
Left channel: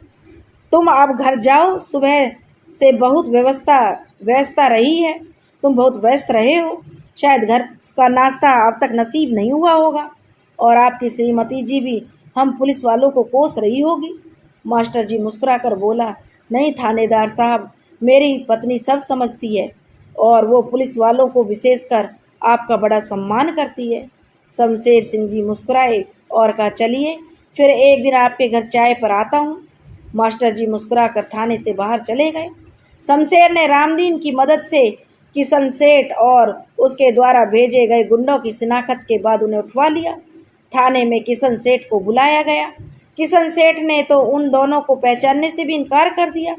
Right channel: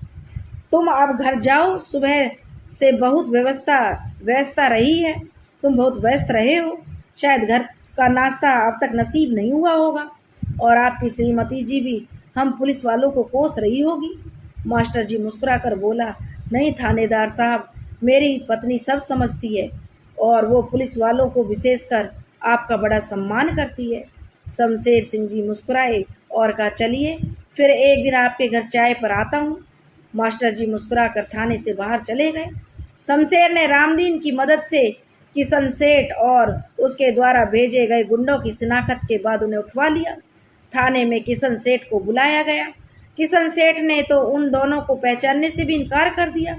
तुम अब घर जाओ। सुबह से बहुत व्यवस्था रही है, तुम बहुत व्यस्त रहे हो, शायद घर का नाश्ता अब तक नसीब नहीं हुआ होगा और आपकी श्रीमती जी भी हम पुलिस वालों को कोस रही होगी। मास्टर जी मुस्कुराकर बोला, नहीं थानेदार साहब, मेरी पत्नी सब समझती है और वो पुलिस वालों को विशेषकर आपका बड़ा सम्मान करती है। शमशेर सिंह जी मुस्कुराए और कहा, चलिए फिर एक दिन आपके घर चाय पर आता हूँ। मास्टर जी मुस्कुराकर थाने से बाहर चले गए। शमशेर ने रामदीन की मदद से किशन सेठ और उसके द्वारा भेजे गए गुंडों की शिनाख्त के बाद उन्हें उठवा लिया। थाने में किशन सेठ को बुलाया गया। किशन सेठ ने तो उन दोनों को पहचानने से भी इनकार कर दिया।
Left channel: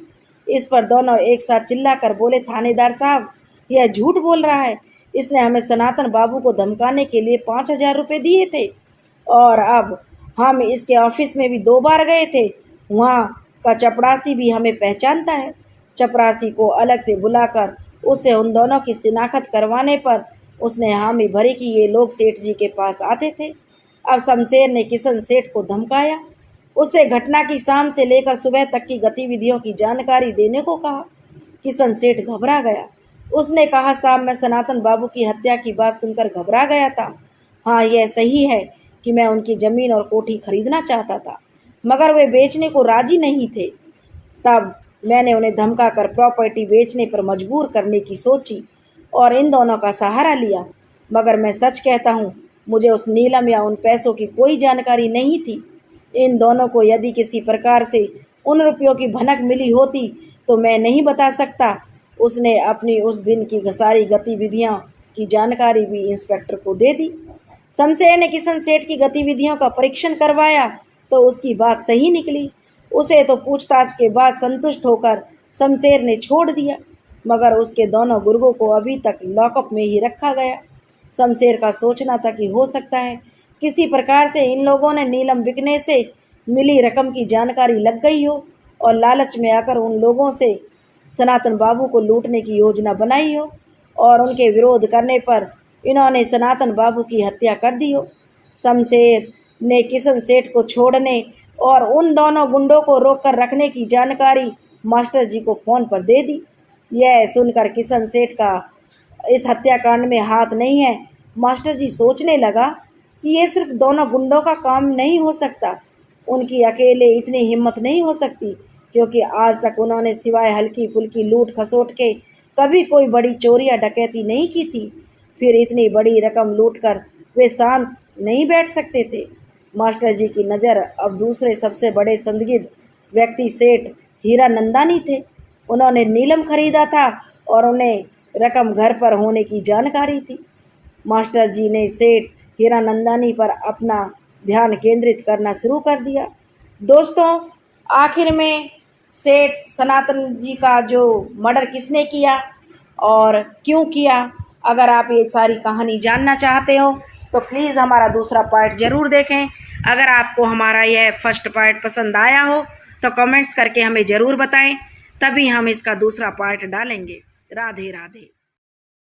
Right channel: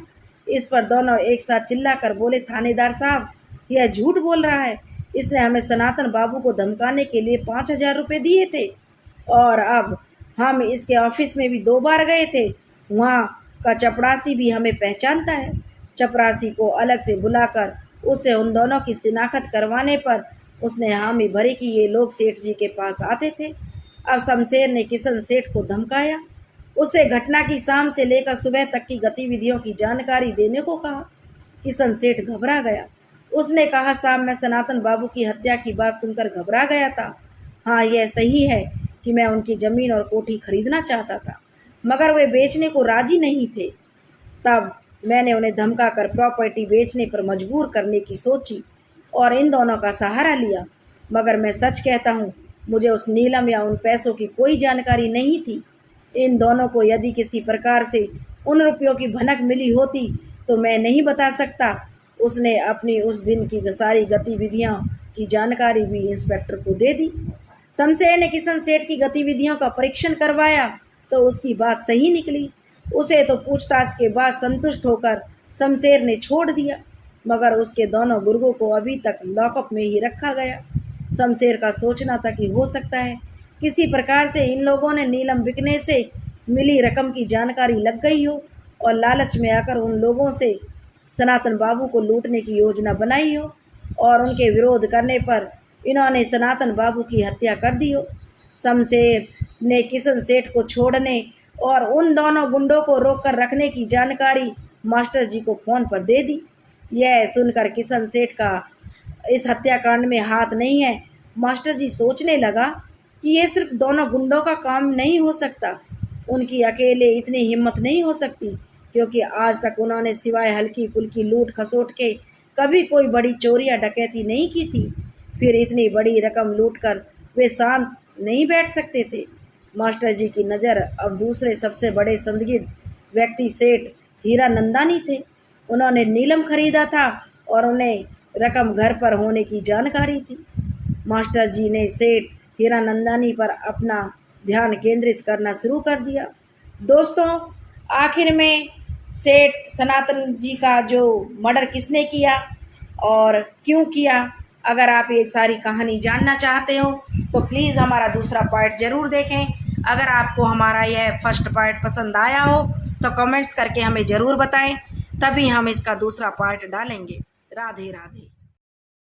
इस पर दोनों एक साथ चिल्लाकर बोले, थानेदार साहब, यह झूठ बोल रहा है, इसने हमें सनातन बाबू को धमकाने के लिए 5,000 रुपये दिए थे और अब हम इसके ऑफिस में भी 2 बार गए थे, वहाँ का चपरासी भी हमें पहचानता है। चपरासी को अलग से बुलाकर उससे उन दोनों की शिनाख्त करवाने पर उसने हामी भरी कि ये लोग सेठ जी के पास आते थे। अब शमशेर ने किशन सेठ को धमकाया, उससे घटना की शाम से लेकर सुबह तक की गतिविधियों की जानकारी देने को कहा। किशन सेठ घबरा गया। उसने कहा, साहब, मैं सनातन बाबू की हत्या की बात सुनकर घबरा गया था। हाँ, यह सही है कि मैं उनकी ज़मीन और कोठी खरीदना चाहता था, मगर वे बेचने को राजी नहीं थे। तब मैंने उन्हें धमकाकर प्रॉपर्टी बेचने पर मजबूर करने की सोची और इन दोनों का सहारा लिया। मगर मैं सच कहता हूँ, मुझे उस नीलम या उन पैसों की कोई जानकारी नहीं थी। इन दोनों को यदि किसी प्रकार से उन रुपयों की भनक मिली होती तो मैं नहीं बता सकता। उसने अपनी उस दिन की सारी गतिविधियों की जानकारी भी इंस्पेक्टर को दे दी। शमशेर ने किशन सेठ की गतिविधियों का परीक्षण करवाया तो उसकी बात सही निकली। उसे तो पूछताछ के बाद संतुष्ट होकर शमशेर ने छोड़ दिया, मगर उसके दोनों गुर्गों को अभी तक लॉकअप में ही रखा गया। शमशेर का सोचना था कि हो सकता है किसी प्रकार से इन लोगों ने नीलम बिकने से मिली रकम की जानकारी लग गई हो और लालच में आकर उन लोगों से सनातन बाबू को लूटने की योजना बनाई हो। और उनके विरोध करने पर इन्होंने सनातन बाबू की हत्या कर दी हो। शमशेर ने किशन सेठ को छोड़ने और उन दोनों गुंडों को रोक कर रखने की जानकारी मास्टर जी को फ़ोन पर दे दी। यह सुनकर किशन सेठ का इस हत्याकांड में हाथ नहीं है। मास्टर जी सोचने लगा कि ये सिर्फ दोनों गुंडों का काम नहीं हो सकता, उनकी अकेले इतनी हिम्मत नहीं हो सकती, क्योंकि आज तक उन्होंने सिवाय हल्की फुल्की लूट खसोट के कभी कोई बड़ी चोरी या डकैती नहीं की थी। फिर इतनी बड़ी रकम लूट कर वे शांत नहीं बैठ सकते थे। मास्टर जी की नज़र अब दूसरे सबसे बड़े संदिग्ध व्यक्ति सेठ हीरानंदानी थे। उन्होंने नीलम खरीदा था और उन्हें रकम घर पर होने की जानकारी थी। मास्टर जी ने सेठ हीरानंदानी पर अपना ध्यान केंद्रित करना शुरू कर दिया। दोस्तों, आखिर में सेठ सनातन जी का जो मर्डर किसने किया और क्यों किया, अगर आप ये सारी कहानी जानना चाहते हो तो प्लीज़ हमारा दूसरा पार्ट ज़रूर देखें। अगर आपको हमारा यह फर्स्ट पार्ट पसंद आया हो तो कमेंट्स करके हमें ज़रूर बताएं, तभी हम इसका दूसरा पार्ट डालेंगे। राधे राधे।